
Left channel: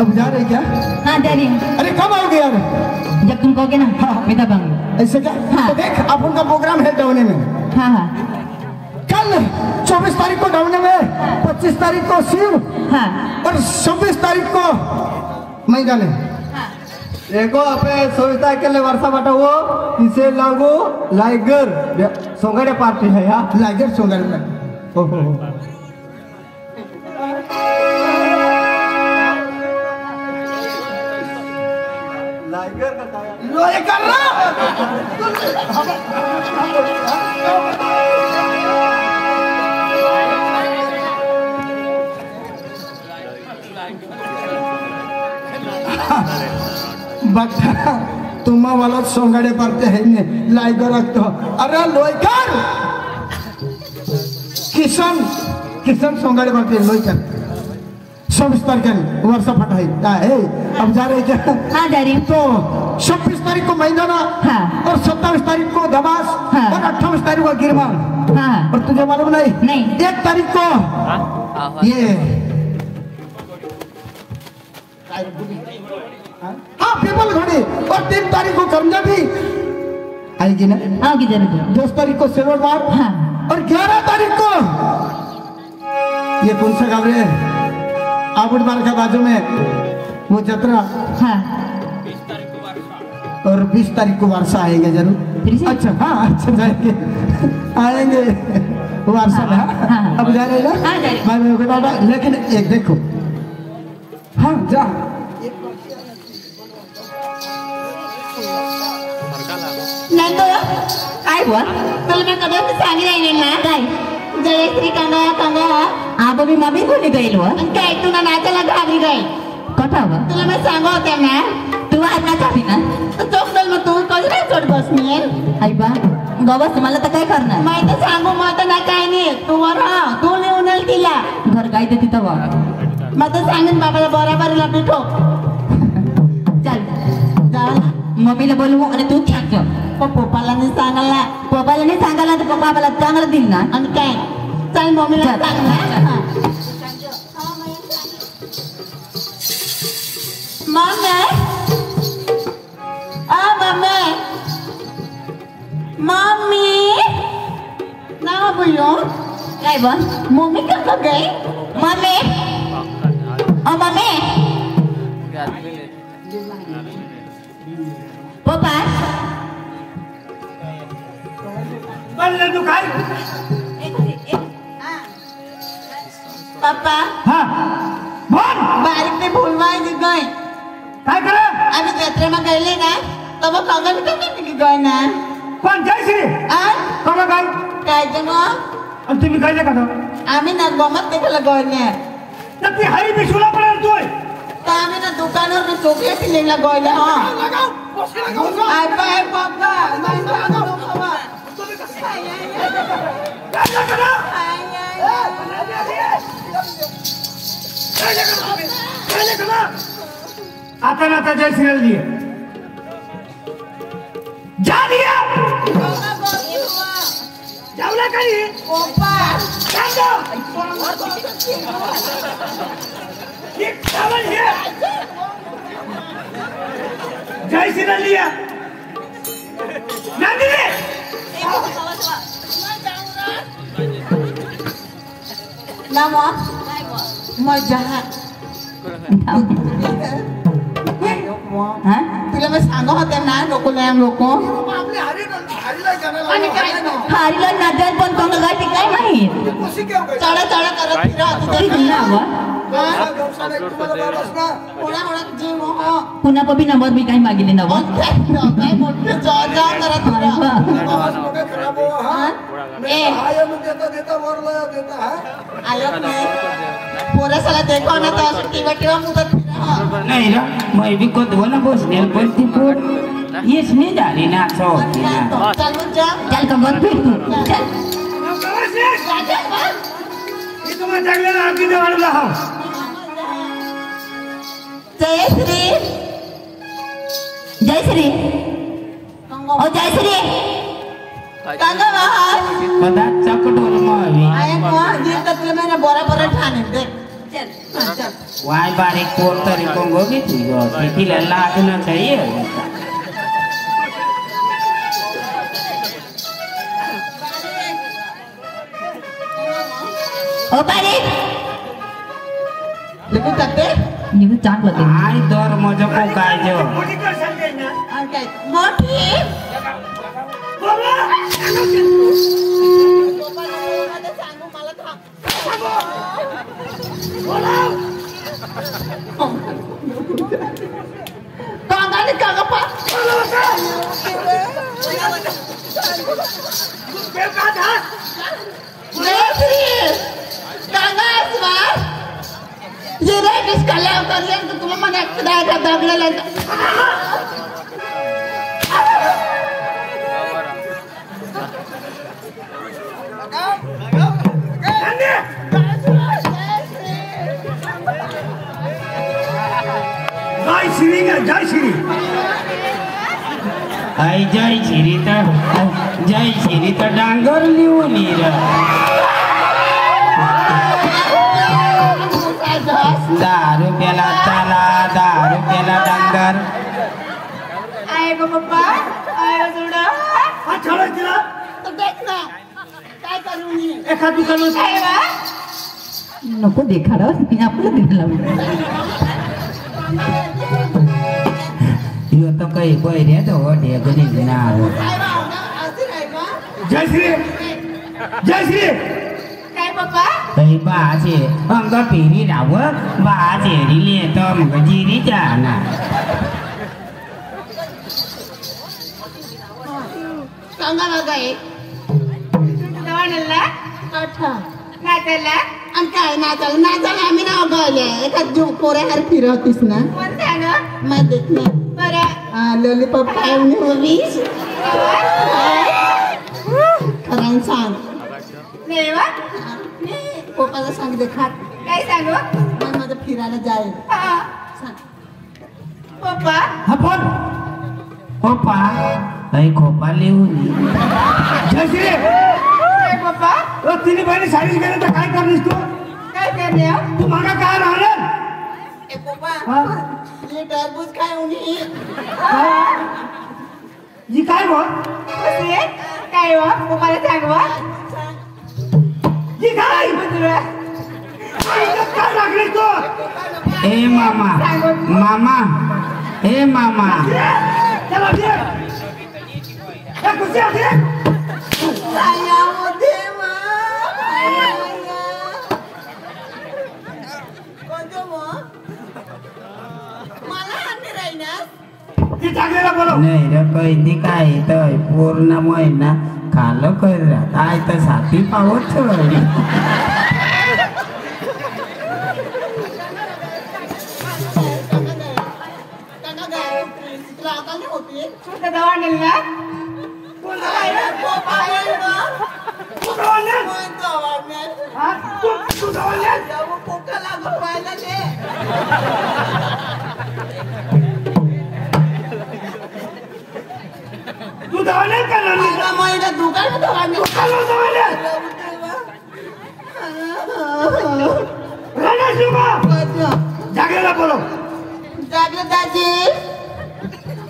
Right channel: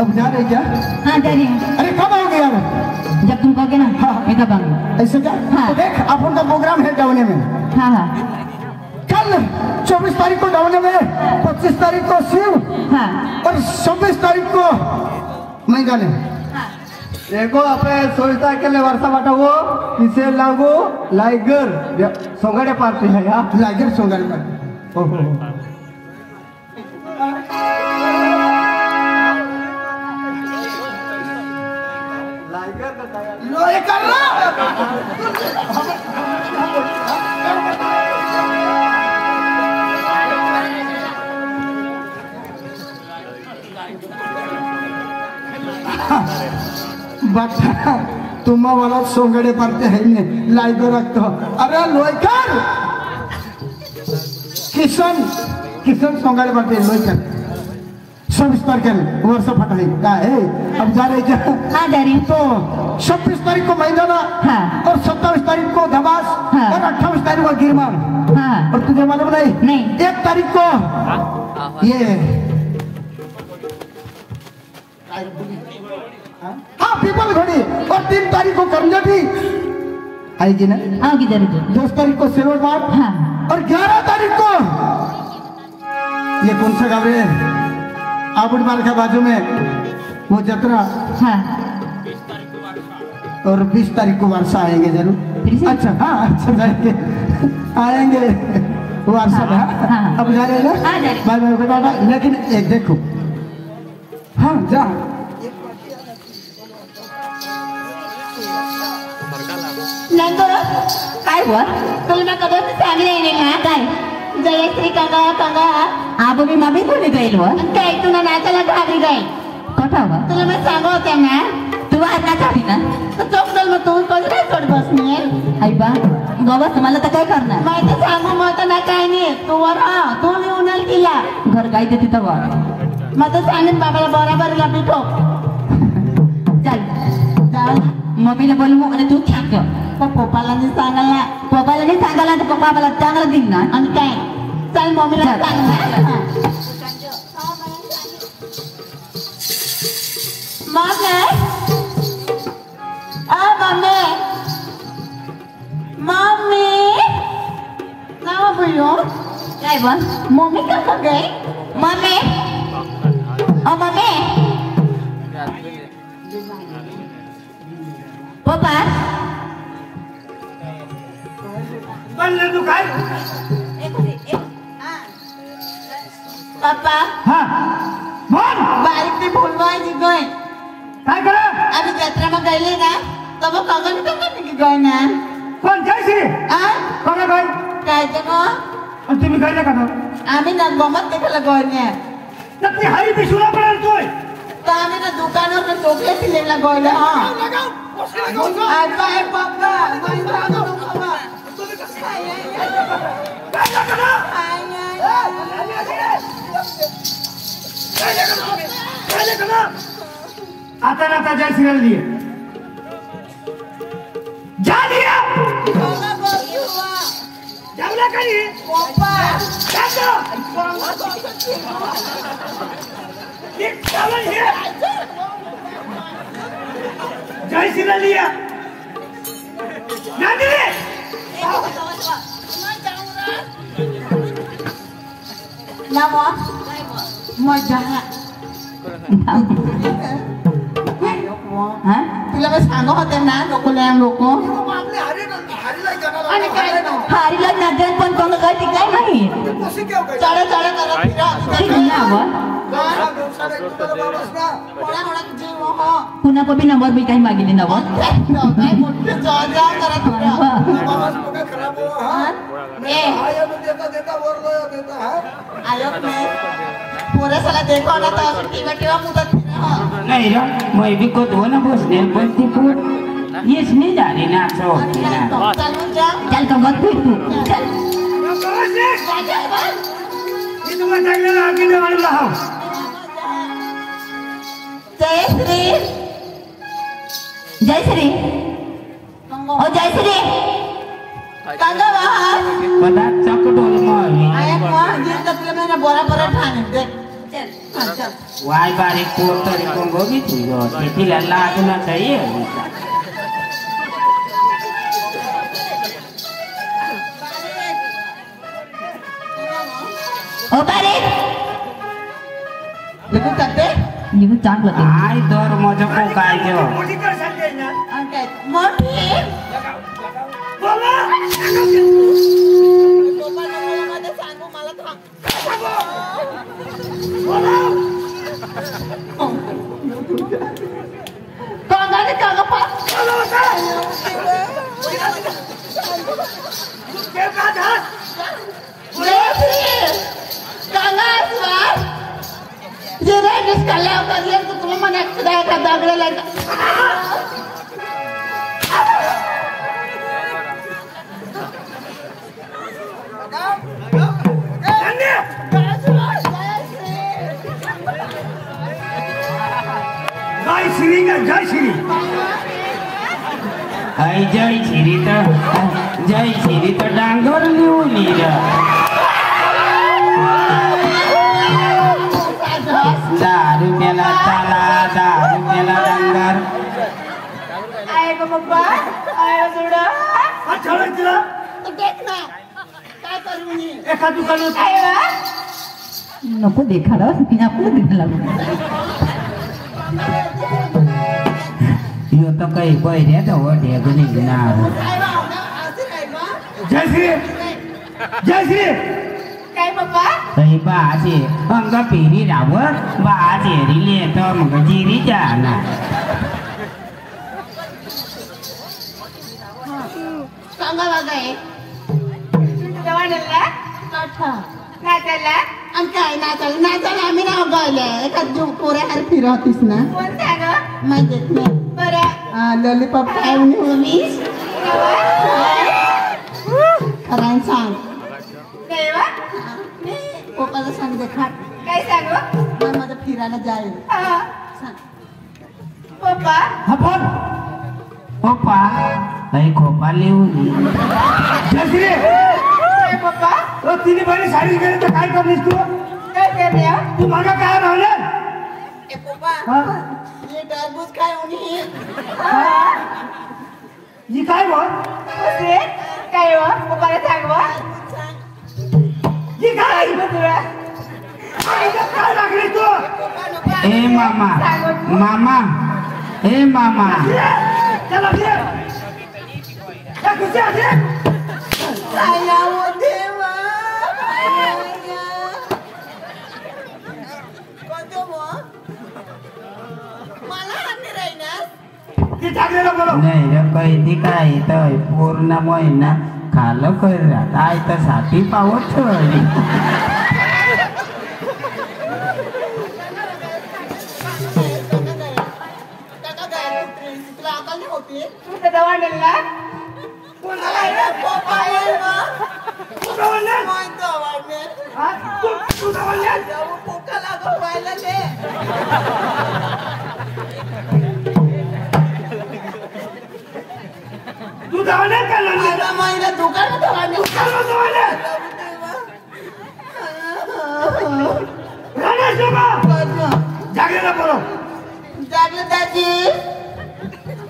अब जा रहे क्या? हाँ जा रही हूँ। अरे कब आओगे? जब तुम कहोगे ना मैं तब आऊंगा। ऐसे क्या? हाँ। तो देख अपन का प्रोग्राम है डवने में। हाँ हाँ कल 24 तारीख को डवने में, 25 तारीख को शिव हाँ और 26 तारीख को मैदान है। देखो अपने 24 तारीख के लिए वर्षा बाटा वो इसे लागू लाइगर सोंगाड़े पार्टी है यार, लाइगर सोंगाड़े पार्टी। ओहो लोए कर तुम्हा मला सोंगाडे पार्टी है ने लाइगर रखतो। अरे लोईकर किशन सोंगाडे पार्टी लोईकर 26 तारीख वर्षा फटाई है। अब जा रहे क्या? हाँ जा रही तो 26 तारीख को मैदाना हाँ और 27 तारीख को धबास हाँ। और 28 तारीख को गिरमा। हाँ और तुझे मालूम नहीं। 1 तारीख को ये हाँ पीपल घोड़ी और 3 तारीख को करना भी आएगी ना। आओगी जरूर। 10 तारीख को सिल्वर बाग हाँ और 11 तारीख को ये कौन सा गाँव है? आबड़ बाल के बाजू में वो जतरा। हाँ और 20 तारीख को वर्षा आएंगे जरूर। अच्छा हाँ अच्छा जाएंगे आएंगे वर्षा में। हाँ। अब जा रहे हाँ, जा रहे। मैं बता रहा लेकिन एक देखो हाँ जा नाही तो काय हुआ तुला मैं कधी सांगितलं नाही ना काय जयश्री कांगा आबो मी मम्मी कोणी गईल व काय तू ना नाचायला घाबरी गई कथा हुआ तुला मैं सांगा होत्या ना तू आज ना जाती ना तो चौकदल मग तू कसं चढ बसनी आई बा गवस मला तर काय करणार माहिती सांगू मग तर ना काय नाही तू वर तू नेऊन तिला घर काय ते तिथं वा मग तर सांगेन बाबाला बरोबरीला बिठो चल जाऊ ना मम्मीला बोलवू आणि तू ख्याक पप्पाला नाही सांगायला तर पप्पा आम्हाला चांगलं दिल ना आणि काय चल मम्मीला सांग मम्मी ना बोलो काय बन मम्मी कहाँ गई मम्मी मम्मी पप्पा तू काय पप्पा हाँ बोल बारीक पे भूलवा जी गए काय करा अभी यात्रा में गए ना तो वो कंगन करने की गए ना कोण जयश्री कोणा काय काय जमा आणि तुम्ही काय का आम्ही ना गमत देखला गए ना तर ती हरी पिशुला पडेल तू तो आम्ही ना दुकानावर ना चॉकलेट लेला गए ना आई बाय पापा माय पापा आता ना आता जयश्रीला दिए जा दिया जावला करी जातो एक चावल है जयश्रीला दिया नंदिनी नामा मजा हाँ तुला मैं सांगो होते ना लोको आपले हरीला जाणार हारीला नजर पण कोण गाठी काय नाही कशी केव काय चढा करत पुन्हा पबी नंबर मी काही मागितले ना काय मोठे जा करत देता वर देता है आयो पूरा साला देखो ना तो टिकट मुदत नहीं रा मैं भी को दो ना बसने पण ती पोर येच नाही झाली ना सो चल कंबर फिर तू चल मी तुम्हाला चांगल्याला आगी देवाला हा जयश्री ओ जयश्री कांगा बाहर कदा चकडोल मग आए बुआ जी तक मेरे बराबर ठाणे दे चल वाय बारीक पोर तरी कोंगो भी तुझो तिला लाज ना चाहिए बारे तुम्ही तत्ते मी चांगलं काय दर माझं काय जेव मोठी कर सांगते ना मोठी जय श्री आई जय श्री तर डांगर लिहून लिहिलं 10 रुपयाला चला 10 रुपयाला डांगर आहे गो पप्पा आहे जोडा हा ठेवलं तिला देख ना काय करू मी एका दुकानात काय वा नको देखाडा मी आपलं दिलं यो तर काही पहिल्या तर वड्या घरी ना जय श्री जय श्री काय पप्पा काही बाचे अंग पेरी रावत बाचे रिले तर मग जिरी जाना सांगा बघा एक नाचायला आणि काय नाचायला आम्ही नाव गायले एका पोऱ्यावर फिरवतीस ना माहित नाही बरं लॉलीपॉप काय उन्हीस खरं सांग पप्पाचं सांग दे खाट काय सांगू माझं फिरायला जाईल पप्पा हा बोल खोपा काही खोपा लिहून जय श्री काय पप्पा तिने बहिणी साडी गेली तर काय करलीस तू काय करणे तू मागा काय राहणार पप्पा ये टरबूज काय उन्ही ही काय बोल काय वा पप्पाला सांगवा ही काय काय लागली तू ए मामा मामा ए मामा चला दे ए कुठे आहे काय नाव देवा मला हात राहिना ती टाकलेला बोलो नाही रे काही काय तर पूर्ण महिना खालं कर काय तर साथी पावत ठेवली तू धावणार का नाही दुकान जागेला बोलो जागलं दाजी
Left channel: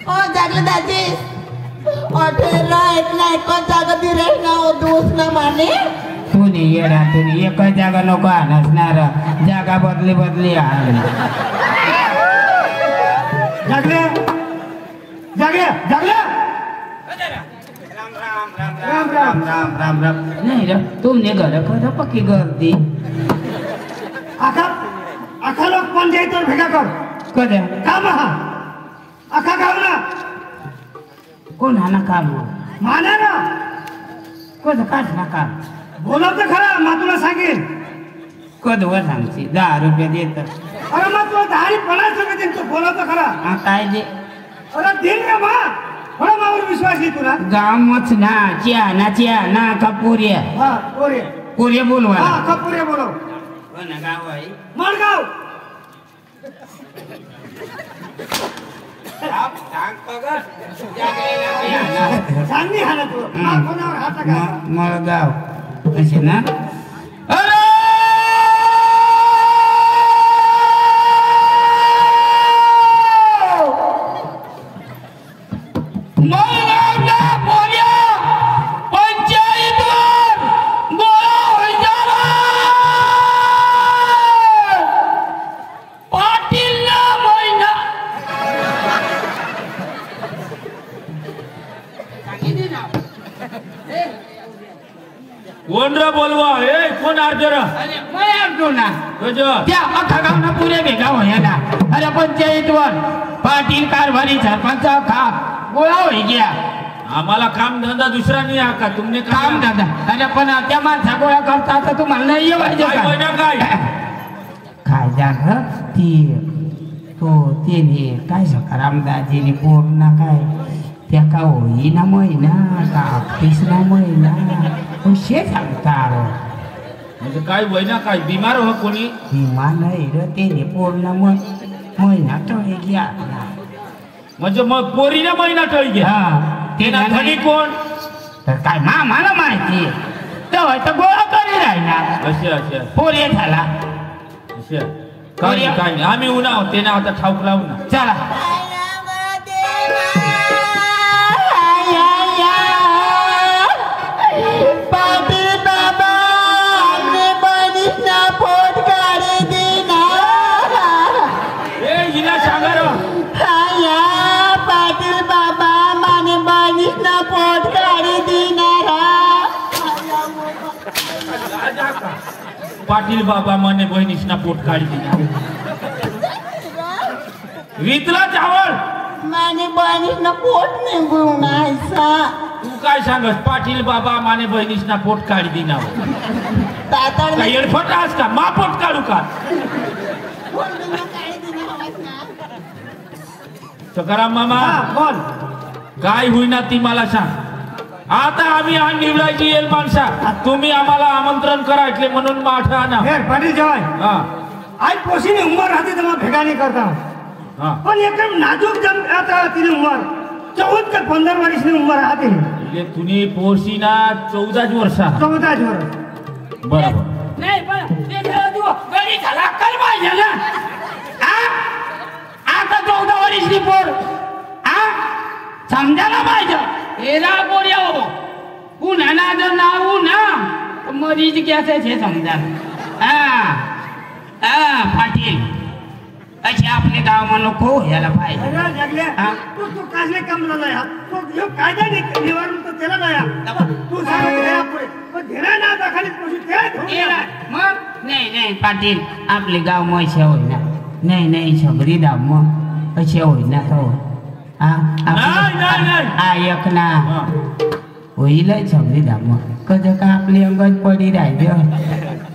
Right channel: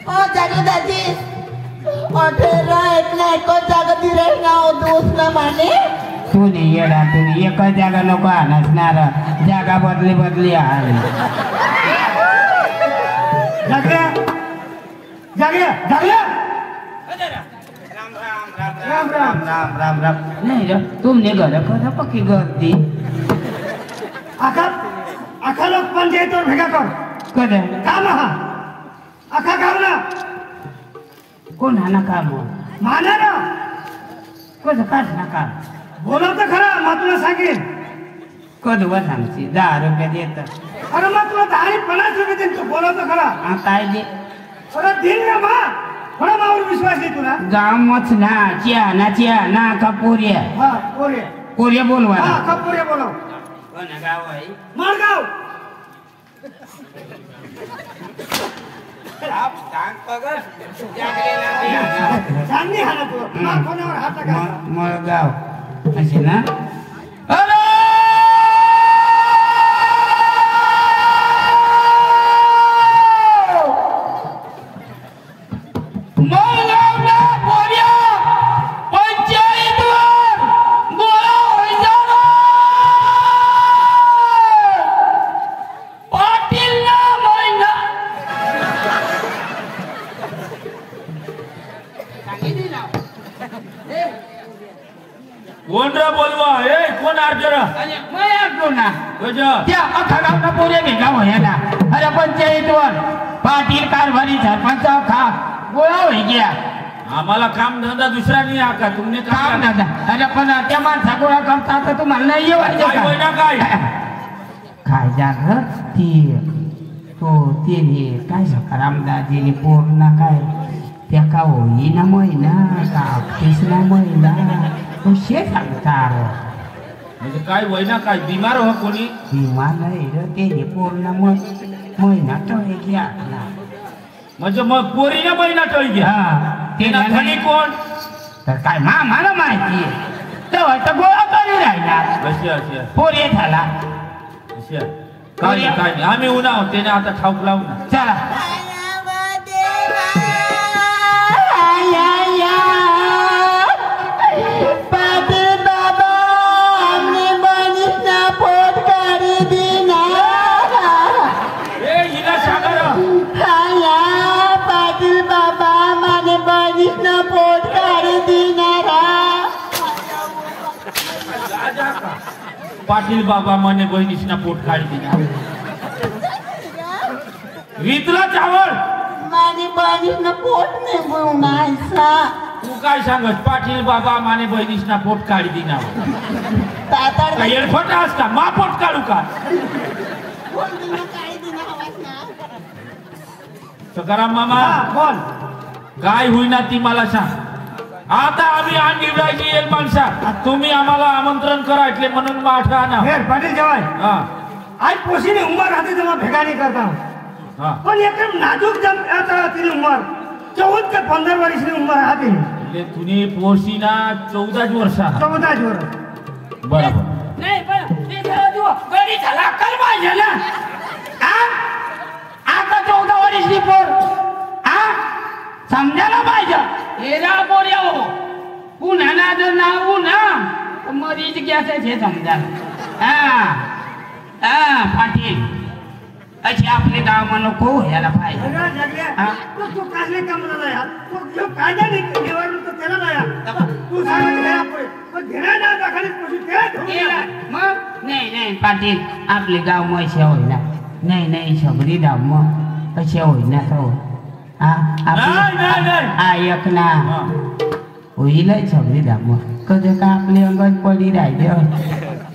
ओ जागलं दाजी अठेरा एकच जागा दिराय ना दोस्त ना माने तुने येडा तुने एकच जागा नको नसणार जागा बदली बदली आली जागे जागे जागे राम राम राम राम राम नाही रे तुमने घर खरं पक्की गर्दी आखा आखा लोक पंचायतीवर भेगा कर कधी काम हा आखा गाव ना कोण हा ना काम माना ना कधी काढ ना काम बोलव तर खरा मग तुला सांगेन कधी व सांगची 10 रुपये देत अरे मग तुला 10-50 रुपये देईन तू बोलव तर खरा काय दे अरे दिल ना मा थोडा मावर विश्वास आहे तुला गामच ना चिया ना कपुऱ्या हा कोरे कोऱ्या बोलवा हा कपूरे बोलव कोण गाव आहे मारगाव सांग पगर जागलेला सांगली हा ना तू मा कोणावर हात टाकायचा मळगाव असे ना अरे कोण रा बोलवा ए कोण अर्जरा मैं अर्जुन ना गजा त्या अख्खा गावना पुरे भेटा होय ना अरे पंचायतवर पाटील कारभारी सरपंच खा गोळा होई गया आम्हाला काम धंदा दुसरा नाही आका तुमने काम दादा अरे पण त्या माणसा गोळा करता तर तुम्हाला नाही येवायचं काय होय ना काय काय झालं ती तो तिने काय सकारामदाजीने पूर्ण काय त्या का होईना महिना का तिसरा महिना शे सांगतात म्हणजे काय होय ना काय बिमार हो कोणी नाही र तिने पूर्ण महिना टळी गया म्हणजे मग पोरीने महिना टळी घ्या ते ना धनी कोण तर काय मला माहिती तेव्हा तर गोळा करी राहणार अशा अशा पोरी झाला अशा काय काय आम्ही उन्हा ते ना आता ठाऊक लावू ना चला पाटील बाबा मने बहिणीसना पोट काढी वितला चावळ माने बहिणीसना पोट निघून आयसा तू काय सांगस पाटील बाबा माने बहिणीसना पोट काढी दिना काय एडफट आस का मा पोट काढू का सकाराम मामा बोल काय होईना ती मला सांग आता आम्ही आण निवडायची येईल माणसा तुम्ही आम्हाला आमंत्रण करायचे म्हणून माठा ना हे पाटील जवाय हा आज पोशीने उमर राहते तर मग भेगा नाही करताना हा पण एकदम नाजूक जम आता तिने उमर 14 ते 15 वर्षाची उमर राहते म्हणजे तुम्ही पोरशी ना 14 वर्ष 14 वर्ष बरोबर नाही पण ते गडी झाला काय पाहिजे ना आता 14 वर्षी पोर समजा ना पाहिजे एरा पोर येऊ पुन्हा ना जर नाव ना मरीच घ्यायचं हे समजा पाटील असे आपले गाव नको यायला पाहिजे तू काजले काम झाला तो जो कायदा निवडणूक तर त्याला नाही तू सांग घेणार ना दाखली मग नाही पाटील आपले गाव मग असे होईना नाही शबरी दाव मग असे होईना का हो ऐक ना होईल शबरी दाव मग कधी का आपली अंगण पडी राहिले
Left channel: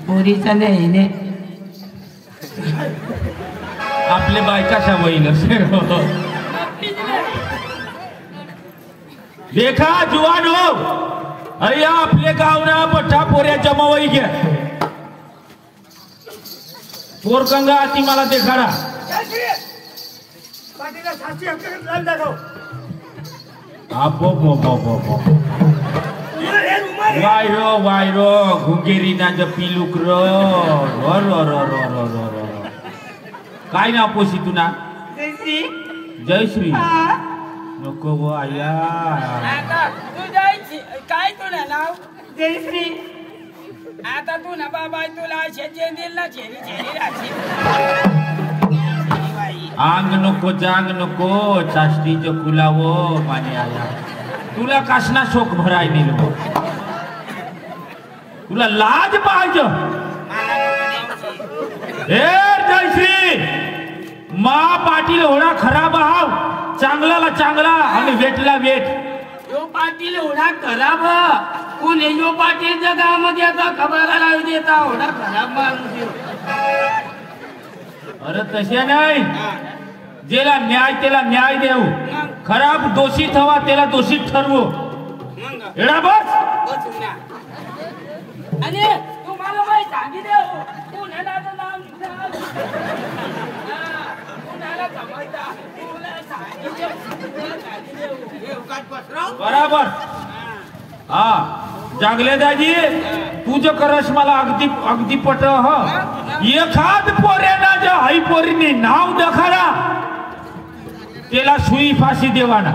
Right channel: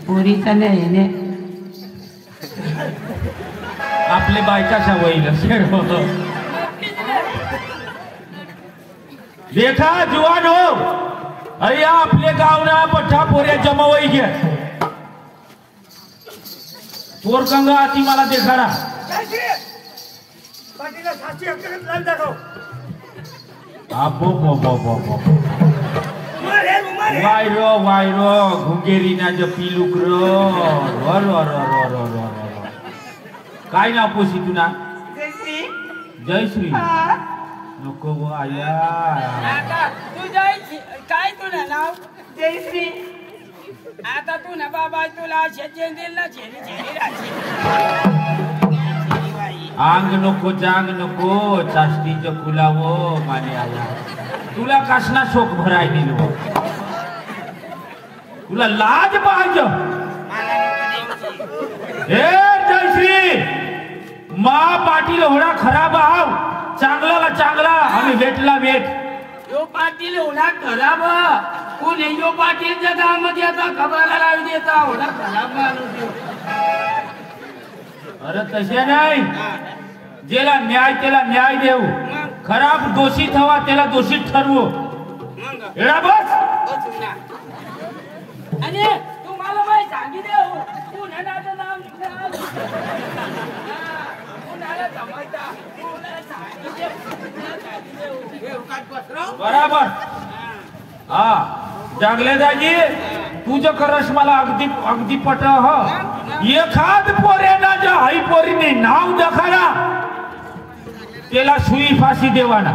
पोरीच नाही आपले बायकाशा होईल देखा जुवान हो अय्या आपले गावना पठ्ठा पोऱ्या जमावई घ्या पोरकंगा ती मला देखाडा वायरो घुंगेरी ना ज पिलुक काय ना पोशी तू ना जयश्री नको गो आया काय तुला नाव जयश्री आता तू ना बाबा तुला शेतीला आंग नको जांग नको चाष्टीच फुलावो माने आया तुला कसना शोक भराय नेलो तुला लाज पाहिजे हे जयश्री मा पाटील होणा खराब हाव चांगला चांगला आणि वेटला वेट यो पाटील होणा खराब कोणी यो पाटील गावामध्ये आता खबर लावी देता होणा खराब माणूस अरे तसे नाही जेला न्याय त्याला न्याय देऊ खराब दोषित हवा त्याला दोषित ठरवू एडा बस आणि तुम्हाला माहिती सांगितलं कुणाचं नाव कुणाला जमायचा बराबर हा जागले दाजी तुझं करस मला अगदी अगदी पट हो एखाद पोऱ्याला ज्या आई पोरीने नाव दखाला त्याला सुई फाशी देवाना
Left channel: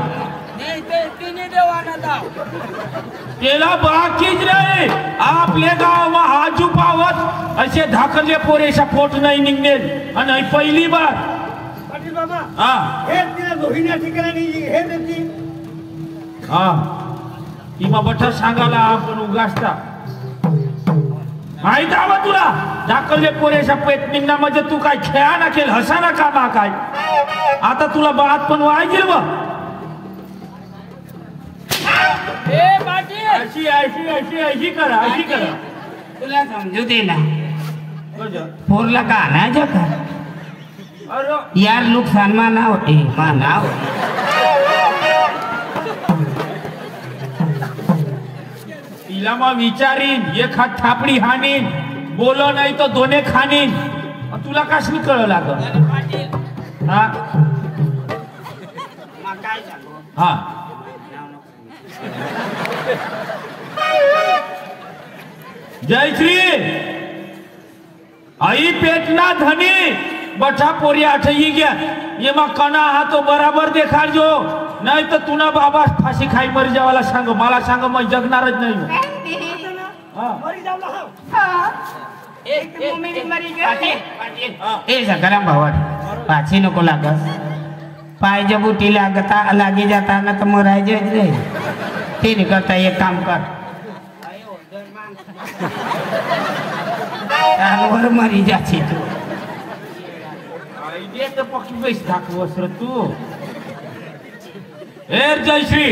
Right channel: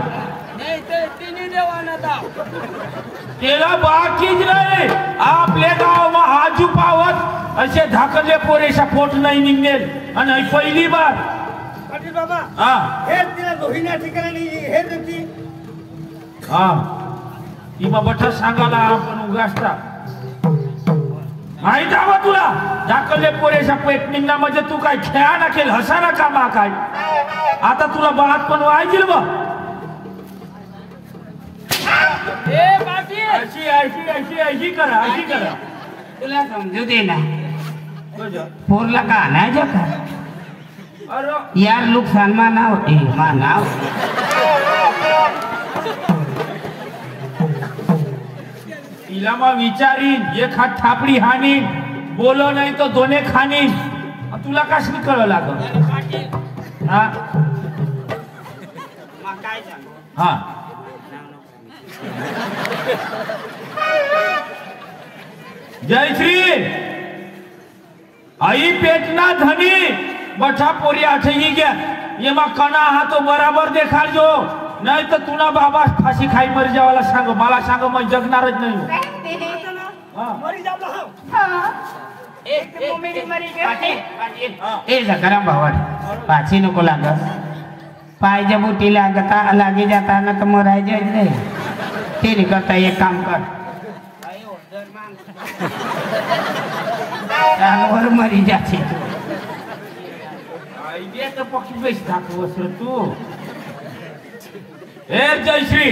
त्याला बाकीच नाही आपले गाव आजू पावत असे धाकले पोरेशा पोट नाही निघेल आणि पहिली बार पाटील बाबा हा हे लोहिण्या ठिकाणी हे देती हा ती बाबा सांगायला आपण उगासता माहित हवा तुला ढाकलले पोरेच्या पेटणींना म्हणजे तू काय खेळा ना खेळ हसा ना कामा काय आता तुला बात पण वायजील बघ अशी अशी अशी अशी करा अशी करा तुला समजू दे ना पोरला का आणायचं का अरे यार नुकसान मानाव मानाव तिला मग विचारीन एखाद थापडी हानीन बोलो नाही तो दोने खानीन तुला कशी कळ लागल हा काय सांगू हा जय श्री आई पेटना धनी बठा पोरी आठही गया ये मग कणा हा तो बराबर देखा जो नाही तर तुला बाबा फाशी खाई मरी जावाला सांग मला सांग मग जगणारच नाही ए सकाराम भावा पाची नको लागत पाय बुटी लागता लागी जाताना तर मरायचेच नाही ते करता एक काम कर वर मरी जाते पक्षी पैसे दाखवस रे तू ए जयश्री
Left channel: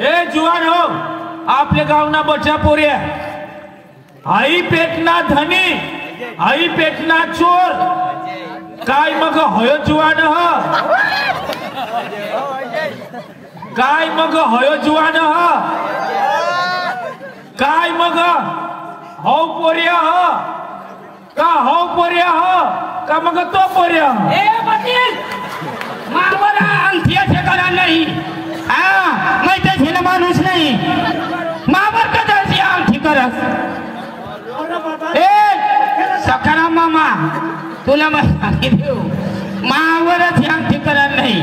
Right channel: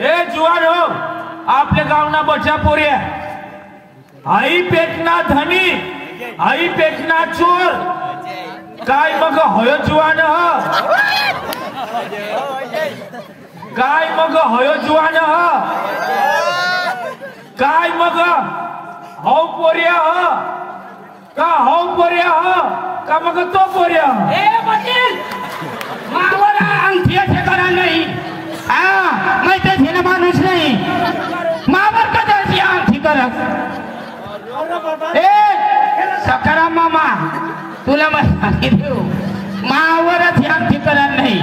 ए जुवान हो आपल्या गावना बचा पोऱ्या आई पेटना धनी आई पेटना चोर काय मग होय जुवान ह काय मग होय जुवान ह काय मग हो पोऱ्या ह का हो पोऱ्या ह का मग तो पोऱ्या ए वकील मावर अंगठिया ठेकाना नाही हा मैं तो झेल माणूस नाही मावर कदाची अंगठी करस ए सकाराम मामा तुला मग सांगितलं मावरच अंगठी करत नाही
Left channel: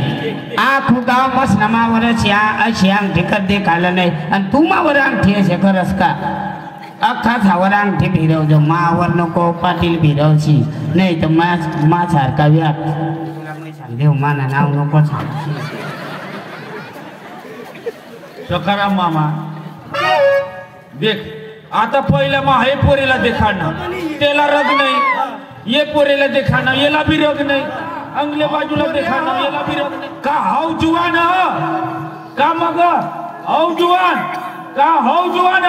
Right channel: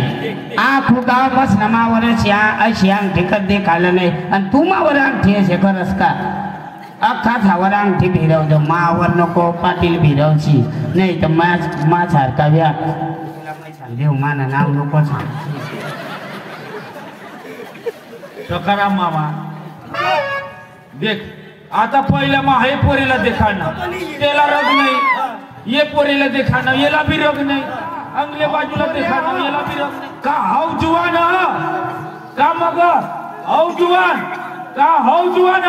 आखू गाव मस्त मावरच या अशी अंगठी कर देखायला नाही आणि तू मावर अंगठी असे करस का अख्खा झावर अंगठी भिरवतो मावर नको पाटील भिरवची नाही तर मा सारखा व्याप तुला मी सांगते माना नाव नको सांग सकाराम मामा देख आता पहिल्या मग हे पोरीला देखाणं त्याला रोग नाही ये पोरीला देखाणं याला भी रोग नाही अंगल्या बाजूला देखाणं याला भी रोग नाही का हाव जुवान ह का मग हाव जुवान का हाव जुवान ह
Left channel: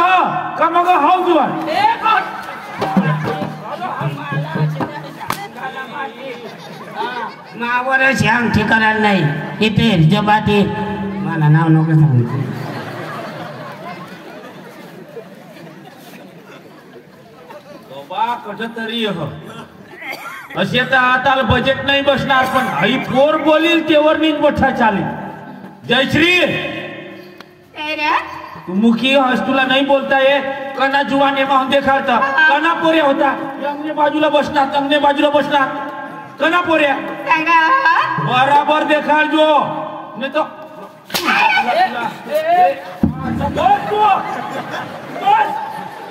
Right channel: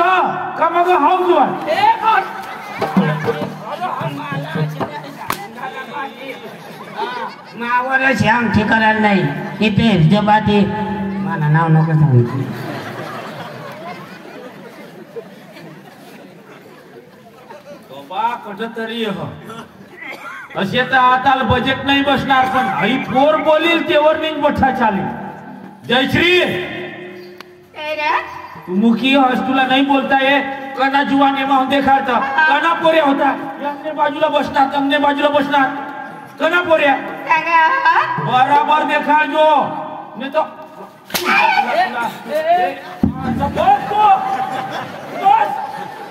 का मग हाव जुवान मावरच अंगठी करायला नाही इथे जबाती मला नाव नको सांगितलं बाबा कसं तरी असे तर आता बजेट नाही बसणार पण आई पोर बोलील तेवर नीट बठा चालेल जयश्री तू मुखी हस तुला नाही बोलता ये कना जुवाने माहून देखाता कना पोऱ्या होता अंगने बाजूला बसणार तंगने बाजूला बसणार कना पोऱ्या बराबर देखा जो मी तो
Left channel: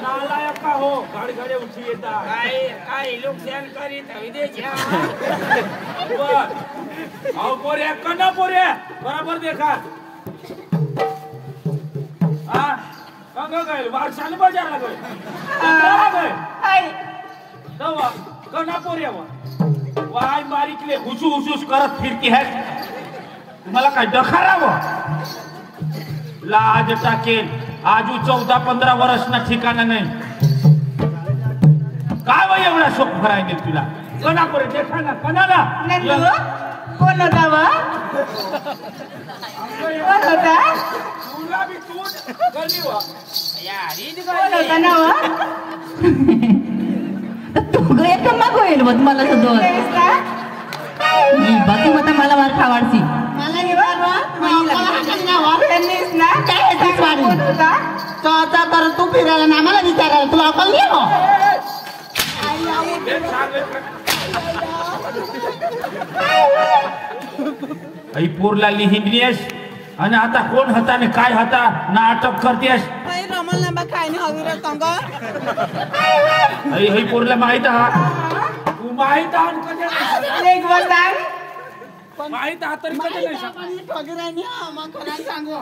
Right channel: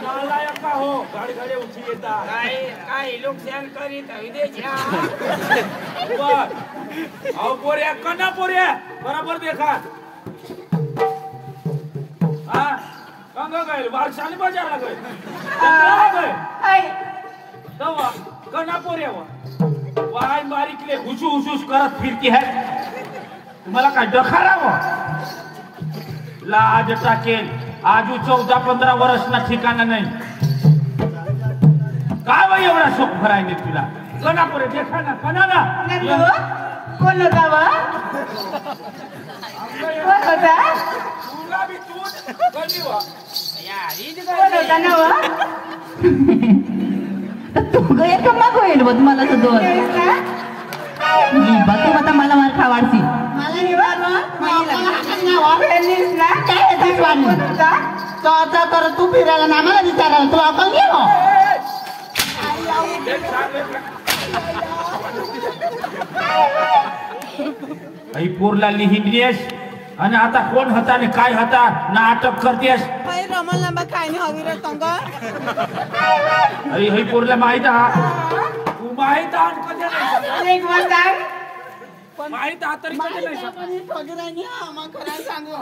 नालायक का हो गाडी गाडी उठी येतात काय लोक ध्यान करीत अहो पोऱ्या कना पोऱ्या बराबर देखा हा कंग गए वारसाने बाजारला गए जत्राला गए तवा कना पोऱ्या वाय मारिकले हुसू हुसूस करत फिरती है तुम्हाला काय दखारावं लाज टाकेल आजू 14-15 वर्षना ठिकाणा नाही काय वय एवढा शोक भरायने तुला कना पोरे देखा ना कनाला कोण होता वा कोण होता तुला भी तू कधी वा कोण होता ना वा तू गया तुम्हा होईल मग मला सुद्धा बघू आता मला मार खावाडची मला ना काय तो आता तर तू फिरायला ना मला विचारायला तू आपण ये आई पोरला लिहिलीस आणि आता कोण होता आणि काय होता ना अटक करतेस आई पोरला माहित तू माहित माहित तरी सांगू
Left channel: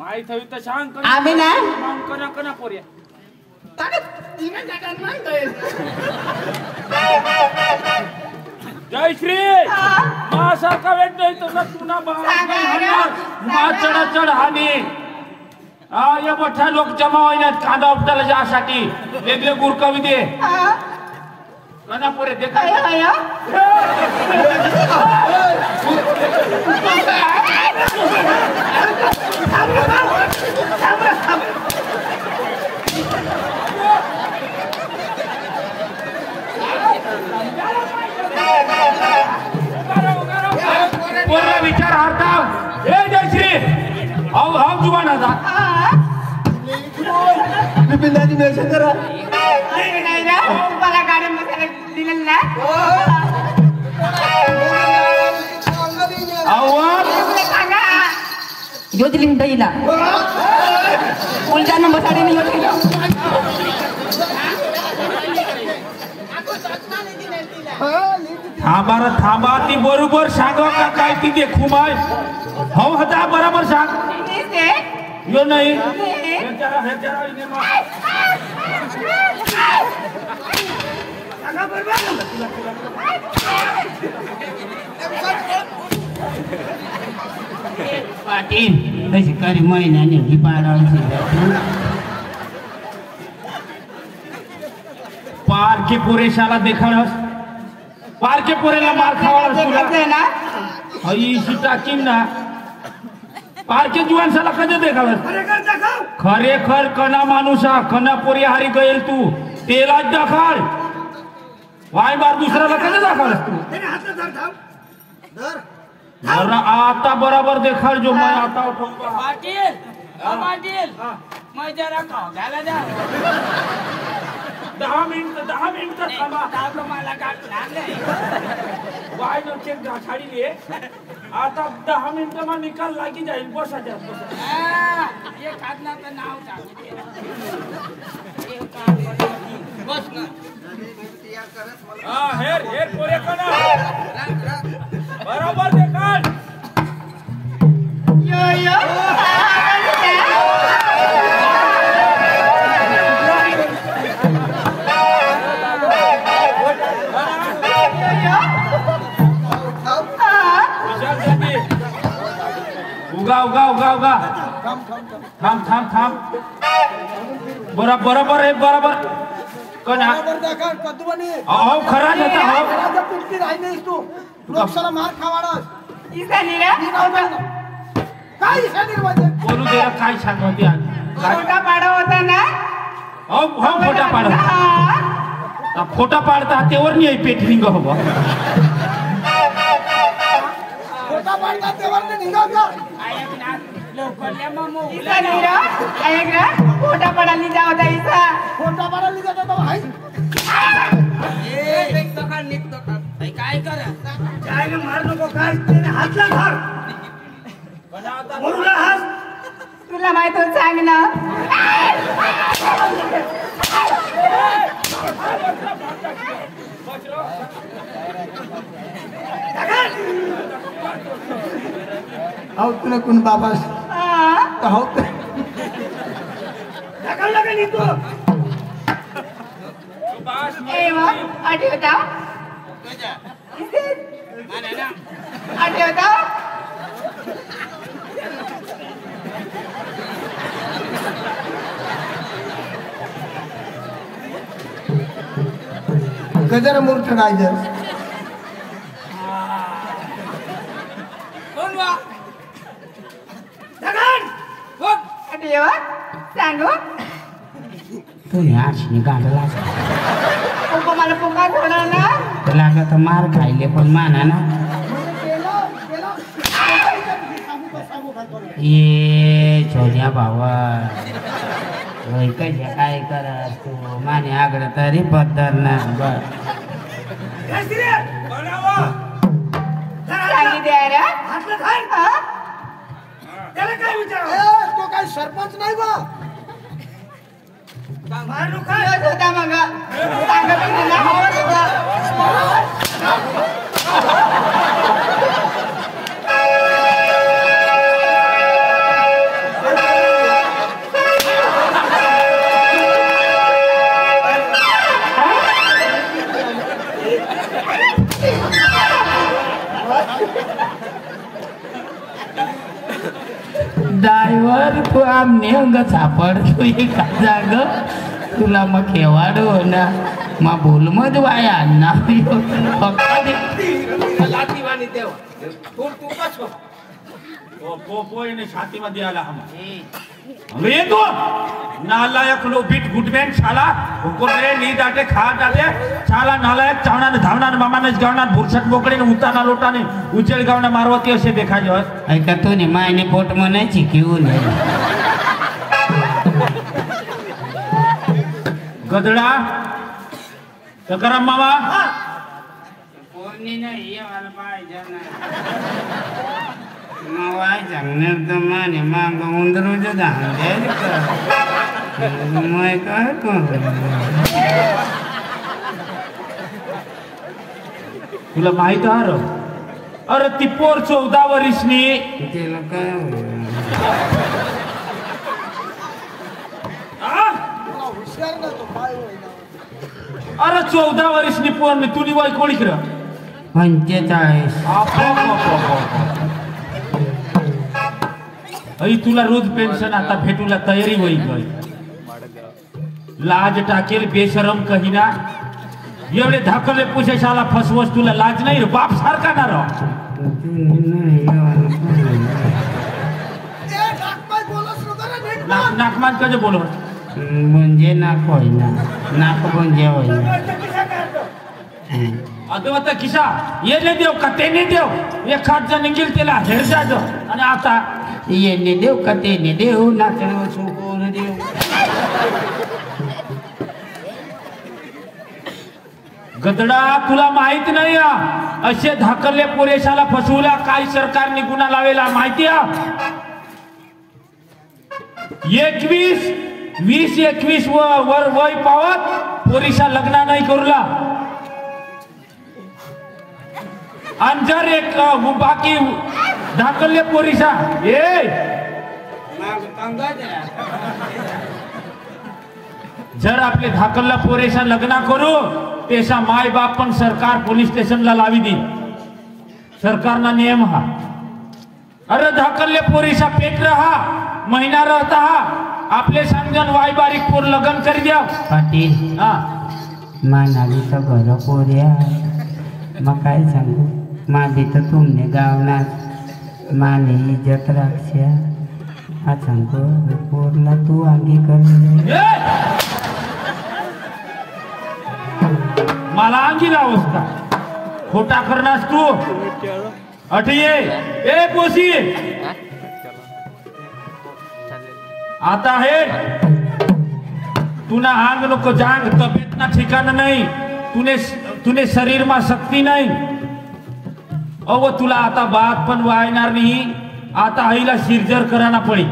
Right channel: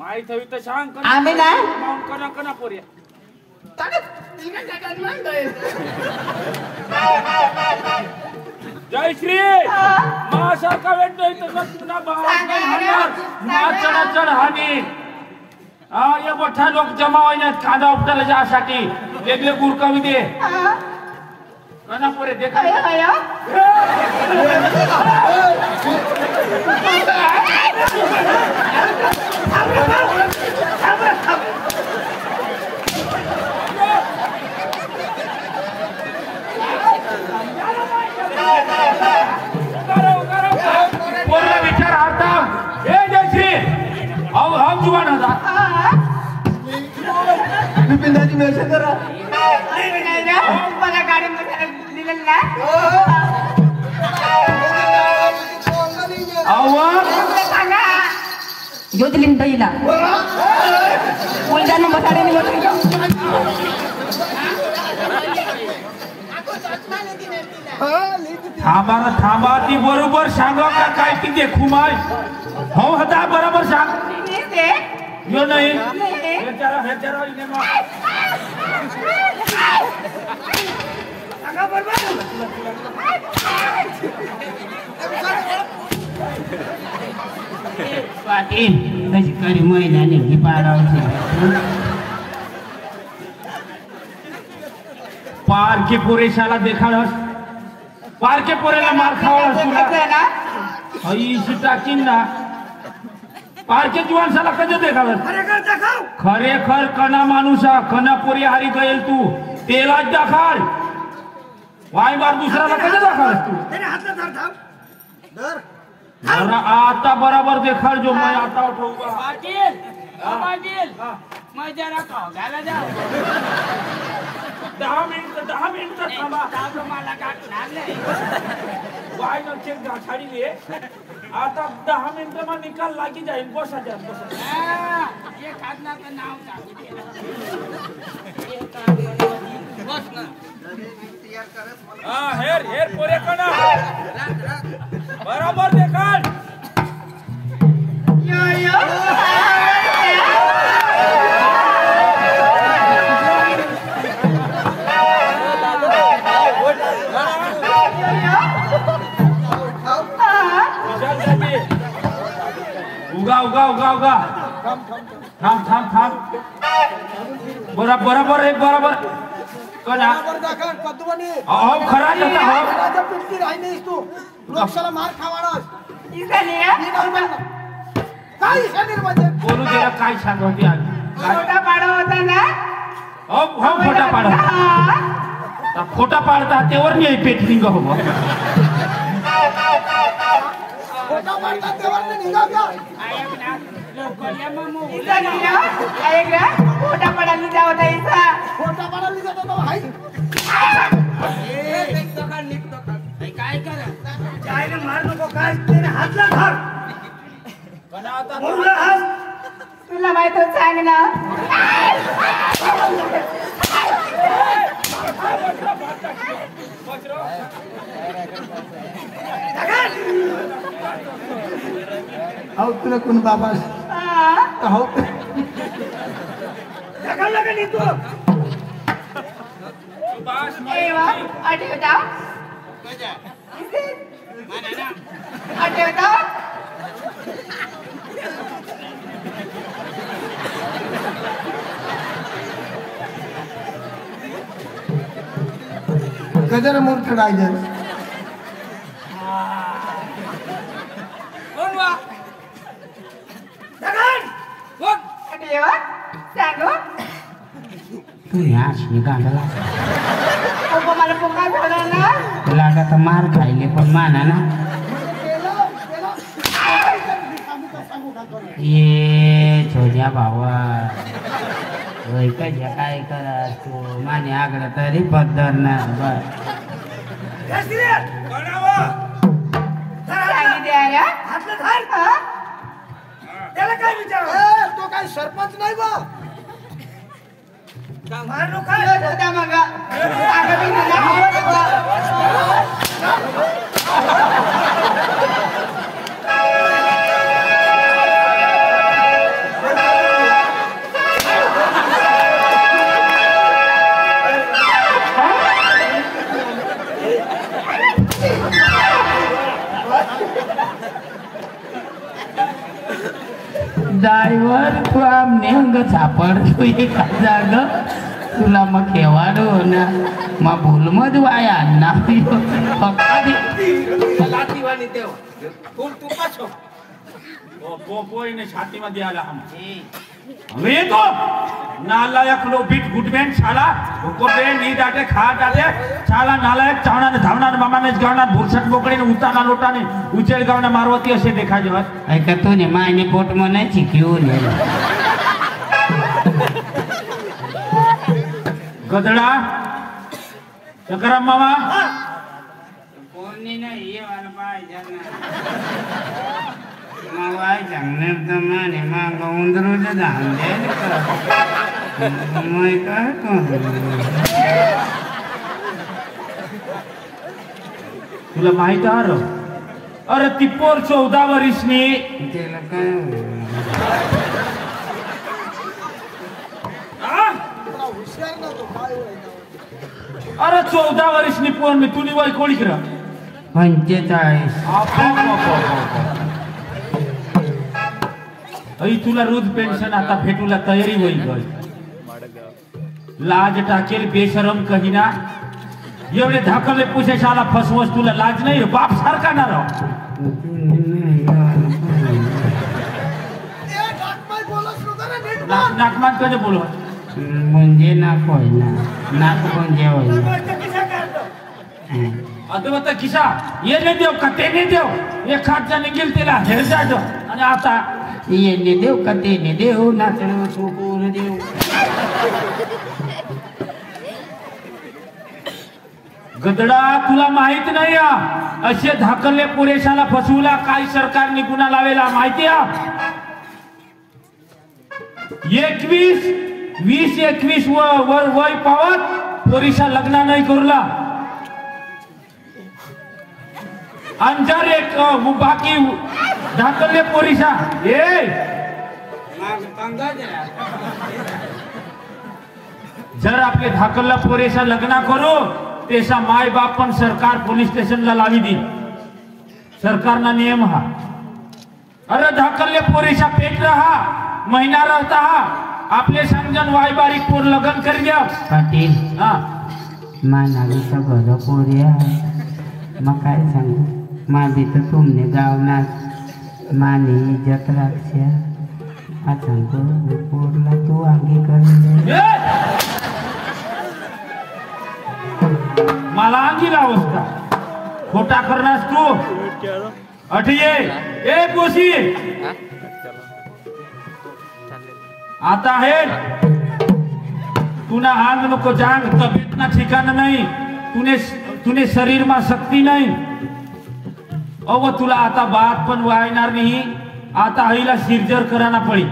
माहित हवी तर सांग आम्ही ना माऊन कना कना पोऱ्या जय श्री माझ्यासारखा वेट नाही तर तुला चढ चढ हानी हा या मोठा लोक जमा होईनात कांदा उपटायला जासाठी वेगळे गुरकवी दे कना पोरे देखा पोरला विचार हरता हे जयश्री हाव जुबान होता विपिनदाजी मेसेज करा मला गाडीमध्ये दिलेलं ना योजलिंग दईला उलटा नंबर थांबा थांबा ती बरोबर सांगा का काय ती देखू माय हो होता बरोबर सांग यो नाही पाटील कशी करी महिन्याने मी पारखे पुरेशाला देखाडस पारखे पुरेला मार खावास तुला आई टाकीन ना पारखे जीवांसाला कधी देखाडस खरेखर कना माणूसा कना पोरी हारी गईल तू तेला दाखल वाय बार दुसऱ्याला कधी दाखल तू आता बरोबर देखाल जो मैं आता उठूंगा पाटील पाटील मग जरा खाऊ घाला जा 10 मिनिट थांबा मला वाय न चेक गाठाडी आता 10 मिनिटं मग निकाल लागी जाईल बसा खातला तर नाव बस ना हेर पोरे करा बरोबर देखाल उगा थांब बरोबर आहे बरोबर खरा पिटकी राहिलीस तू लोकशाला मार खावाडस काय बोलू दे काय सांगते खोटा पाडा होता ना खोटा पाडा खोटा पाडता तेवर नाही पेटविंग हवं खोटा पाडता तेवर निघा का खोटा पडायला जाऊ इसा खोटा पाडायला जाता तो हाय काय करा काय ना मार नको काय त्याने हात ना धर बोलला हात तुला माहित होत सांग ना आओ तुला कोण बाबा हो ढकल लागली तू आठवता आठवता गजर मूर्ख डायजर कोण वा सांगू तू ह्याच गांडला मला पुकार बोलायला तुला आता मार खायले पण माना ना ये छोट्या भावा कशा काय करत तू माने आगड तरी पद्धत ना त्याला काय विचार तो काय सरपंच नाही बा मार होता मग येऊन ग सापड तू एका जाग तुला मग केवाडो ना मग बोल मध वाया ना पप्पा दे लातीवाणी देव फूल तू पाछो छातीमध्ये आला वेगो नालायक लो बीट गुटमेन शाला उपरे नी डाटे खा डाटे शाला नालायक चावना धावना मामाने गावना भुरसट मोकळे ने उताना लोटाने उचेल गावना मारवती असे देखाजो ऐका तो ने मायने पोट मने चिक्यून गदडा सकाराम मामा पोरनी नाही ये वाला पाहिजे ना मावाय चांगलं तर माने मांग उंदरूचं धान द्यायला का मग काय तुला माहित आहे अरे ती पोर 14 वर्षनी त्याला काय हुशार ना तो काय अरे 14 वर्षनी पोर मी तुनी वय कोणी कर 45 आई तुला रोज पेन्शन आता भेटूला तयारी होई गई लाज टाकेल बेशरम कहिना एवढे धाकले पुशेशाला फसवस तुला लाज नाही बाप सारखा ना राव नाकमान कसे बोलो म्हणजे नाक होईना नाक म्हणजे होईना आता किसा ये नाही देव का ते नाही देव एक खाट जण निघेल त्याला हेर जाजो आणि आता येणे देव का तेने देव नाचणं सोपोर देव गदडा तुला माहित नाही असे धाकले पुरेशाला फसवला काय सरकारने गुन्हा लावेला माहिती 20-21 वर वय पावत पोरीशा लग्न नाही करूला आणि जर एक बाकी धाकले पोरीशा जर आपले धाकलला पोरेशा लग्न करू तेसा माय बाप पण सरकार पोलीस स्टेशनला लावी दी सरकारना नियम हा अरे धाकलले पोरेशा पेट रहा महिना रहता हा आपले सांगजन वाय बारीक पोर लग्न करी द्या पाटील हा मानाली तर घर पोऱ्या मग काय सांगू मादी तर तुमने गावनात माने इज्जत राखशा हा सांगतो पोरला तू आगी कर मला अंगी अवस्था खोटा करणार तू अठिये ए कोशी आता है तुना आंग नको जांग तब्येत ना ठिकाण नाही तुने शरीर में शक्ती नाही अव तुला आता बात पण वायणार नाही आता आईला सिरजर कराना पडी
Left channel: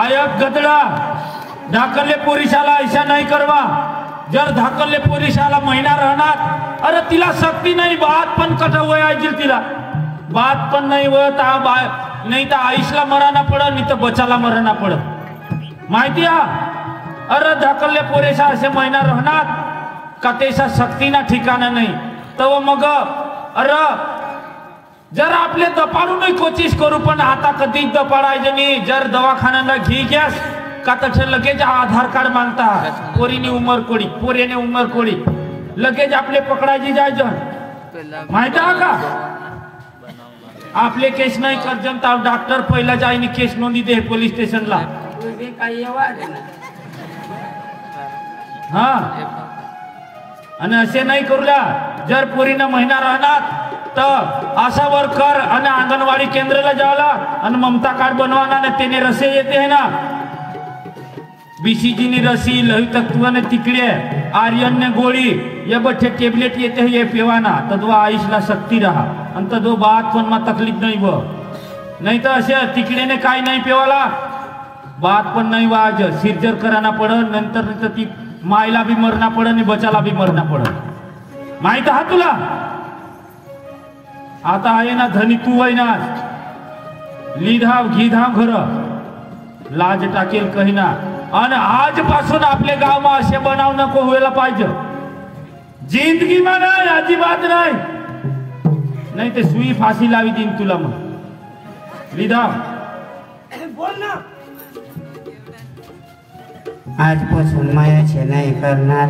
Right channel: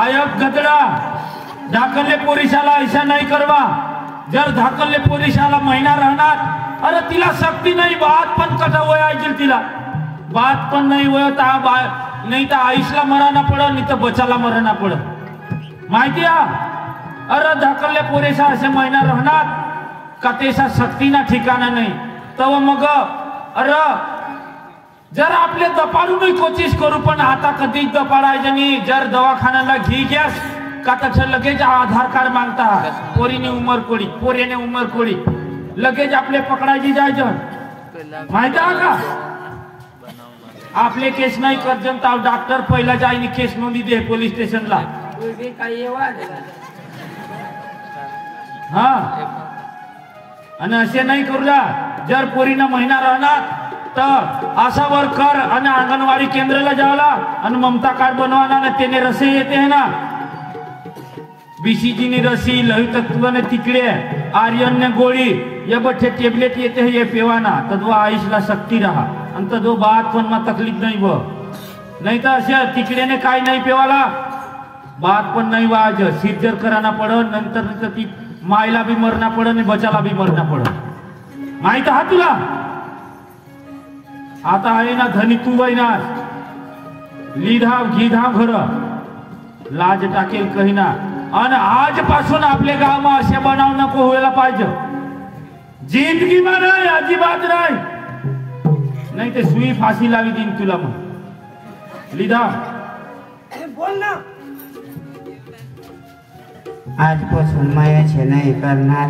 आयक गदडा धाकले पोरिशाला ऐसा नहीं करवा जर धाकले पोरिशाला महिना राहणार अरे तिला शक्ती नाही बात पण कटा वयाजील तिला बात पण नाही वयत नाही तर आईशला मराना पड नाही तर बचाला मराना पड माहिती अरे धाकले पोरेशा असे महिना राहणार का तेसा शक्ती ना ठिकाणा नाही तव मग अरे जर आपले दपाडू नाही कोशिश करू पण आता कधीच दपाडायचं नाही जर दवाखान्याला घी गॅस का तर लगेच आधार कार्ड मागता पोरीने उमर कोडी पोरीने उमर कोडी लगेच आपले पकडायची जायचं माहिती आहे का आपले केस नाही करजन तर डॉक्टर पहिला जाईनी केस नोंदी दे पोलीस स्टेशनला हा आणि असे नाही करूला जर पोरीनं महिना राहणार तर आशा वर्कर आणि अंगणवाडी केंद्राला जावला आणि ममता कार्ड बनवाना ना त्याने रसे येते है ना बीसीजी ने रसी लहू तत्व ने तिकडे आर्यन ने गोळी ये बठे टेबलेट येते है ये पेवाना तद्वा आयुषला शक्ती रहा आणि तद्व बात पण मा तकलीफ नाही व नाही तर असे तिकडे ने काय नाही पेवाला बात पण नाही वाज सिरजर कराना पड नंतर ती मायला भी मरना पड आणि बचाला भी मरना पड माहित हा तुला आता आहे ना धनी तू आहे ना लिधाव घिधाव घर लाज टाकेल कहिना आणि आजपासून आपले गाव असे बनाव नको व्हायला पाहिजे जिंदगी नाही अजिबात नाही नाही ते सुई फाशी लावी देईन तुला मग लिदा बोल ना आजपासून मायाचे नाही करणार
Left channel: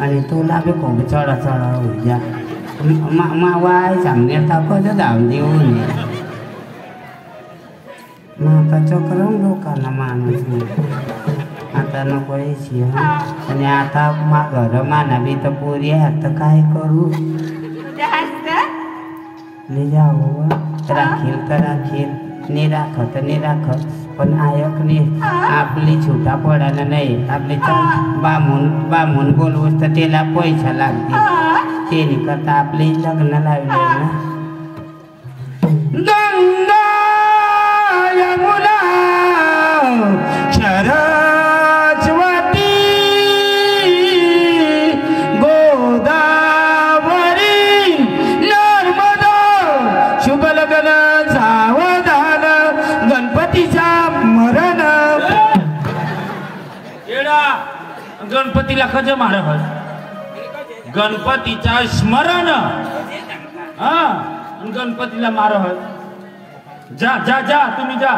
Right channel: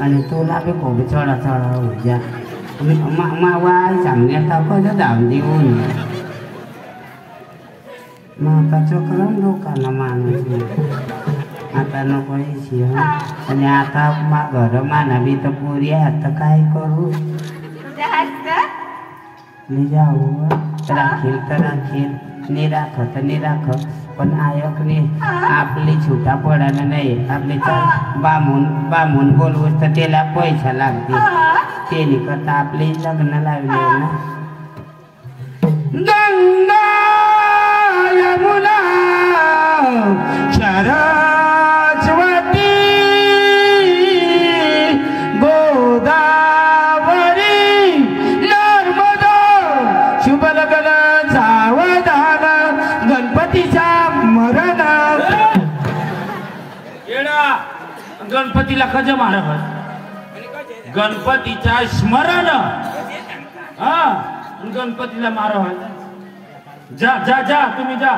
आणि तुला बी खूप चढा चढा उद्या वाय चांगल्या तापाचं धाम देऊन आता चक्रम लोकांना माणूस आता नको यायची आणि आता घर माना बी तर पोरी आता काय करू जाऊ राखील तर राखील निराख तर निराख पण आयकने आपली छुटा पडणं नाही आपले बामून बोलवूस तर त्याला पैसा लागते त्याने करता आपले लग्न लागले ना गंगा यमुना सरस्वती गोदावरी नर्मदा शुभ लग्न सावधान गणपतीचा मरण येडा गणपतीला कधी मारा गणपतीचा स्मरण हा गणपतीला मार जा जा जा तुम्ही जा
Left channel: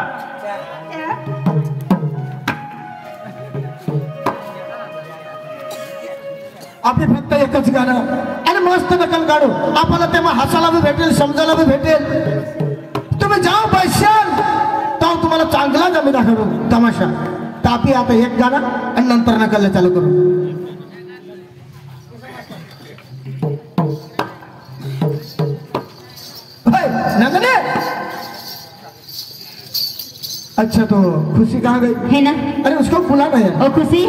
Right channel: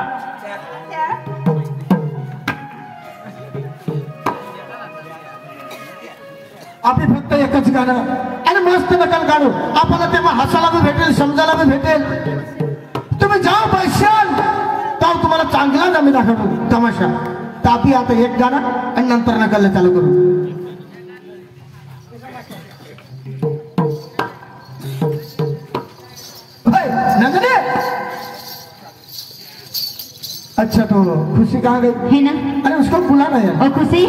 आपली फक्त एकच गाणं आणि मस्त नकल काढू आपल्याला तेव्हा हसायला बी भेटेल समजायला बी भेटेल तुम्ही जा बसशाल तर तुम्हाला चांगला जमी दाखवू तमाशा तापी आता एक गाणं आणि नंतर नकलला चालू करू अच्छा तो खुशी कहाँ गई है ना अरे उसको बुलाना है ओ खुशी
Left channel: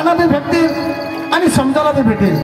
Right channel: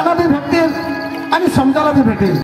गाणं बी भेटतील आणि समजायला बी भेटेल.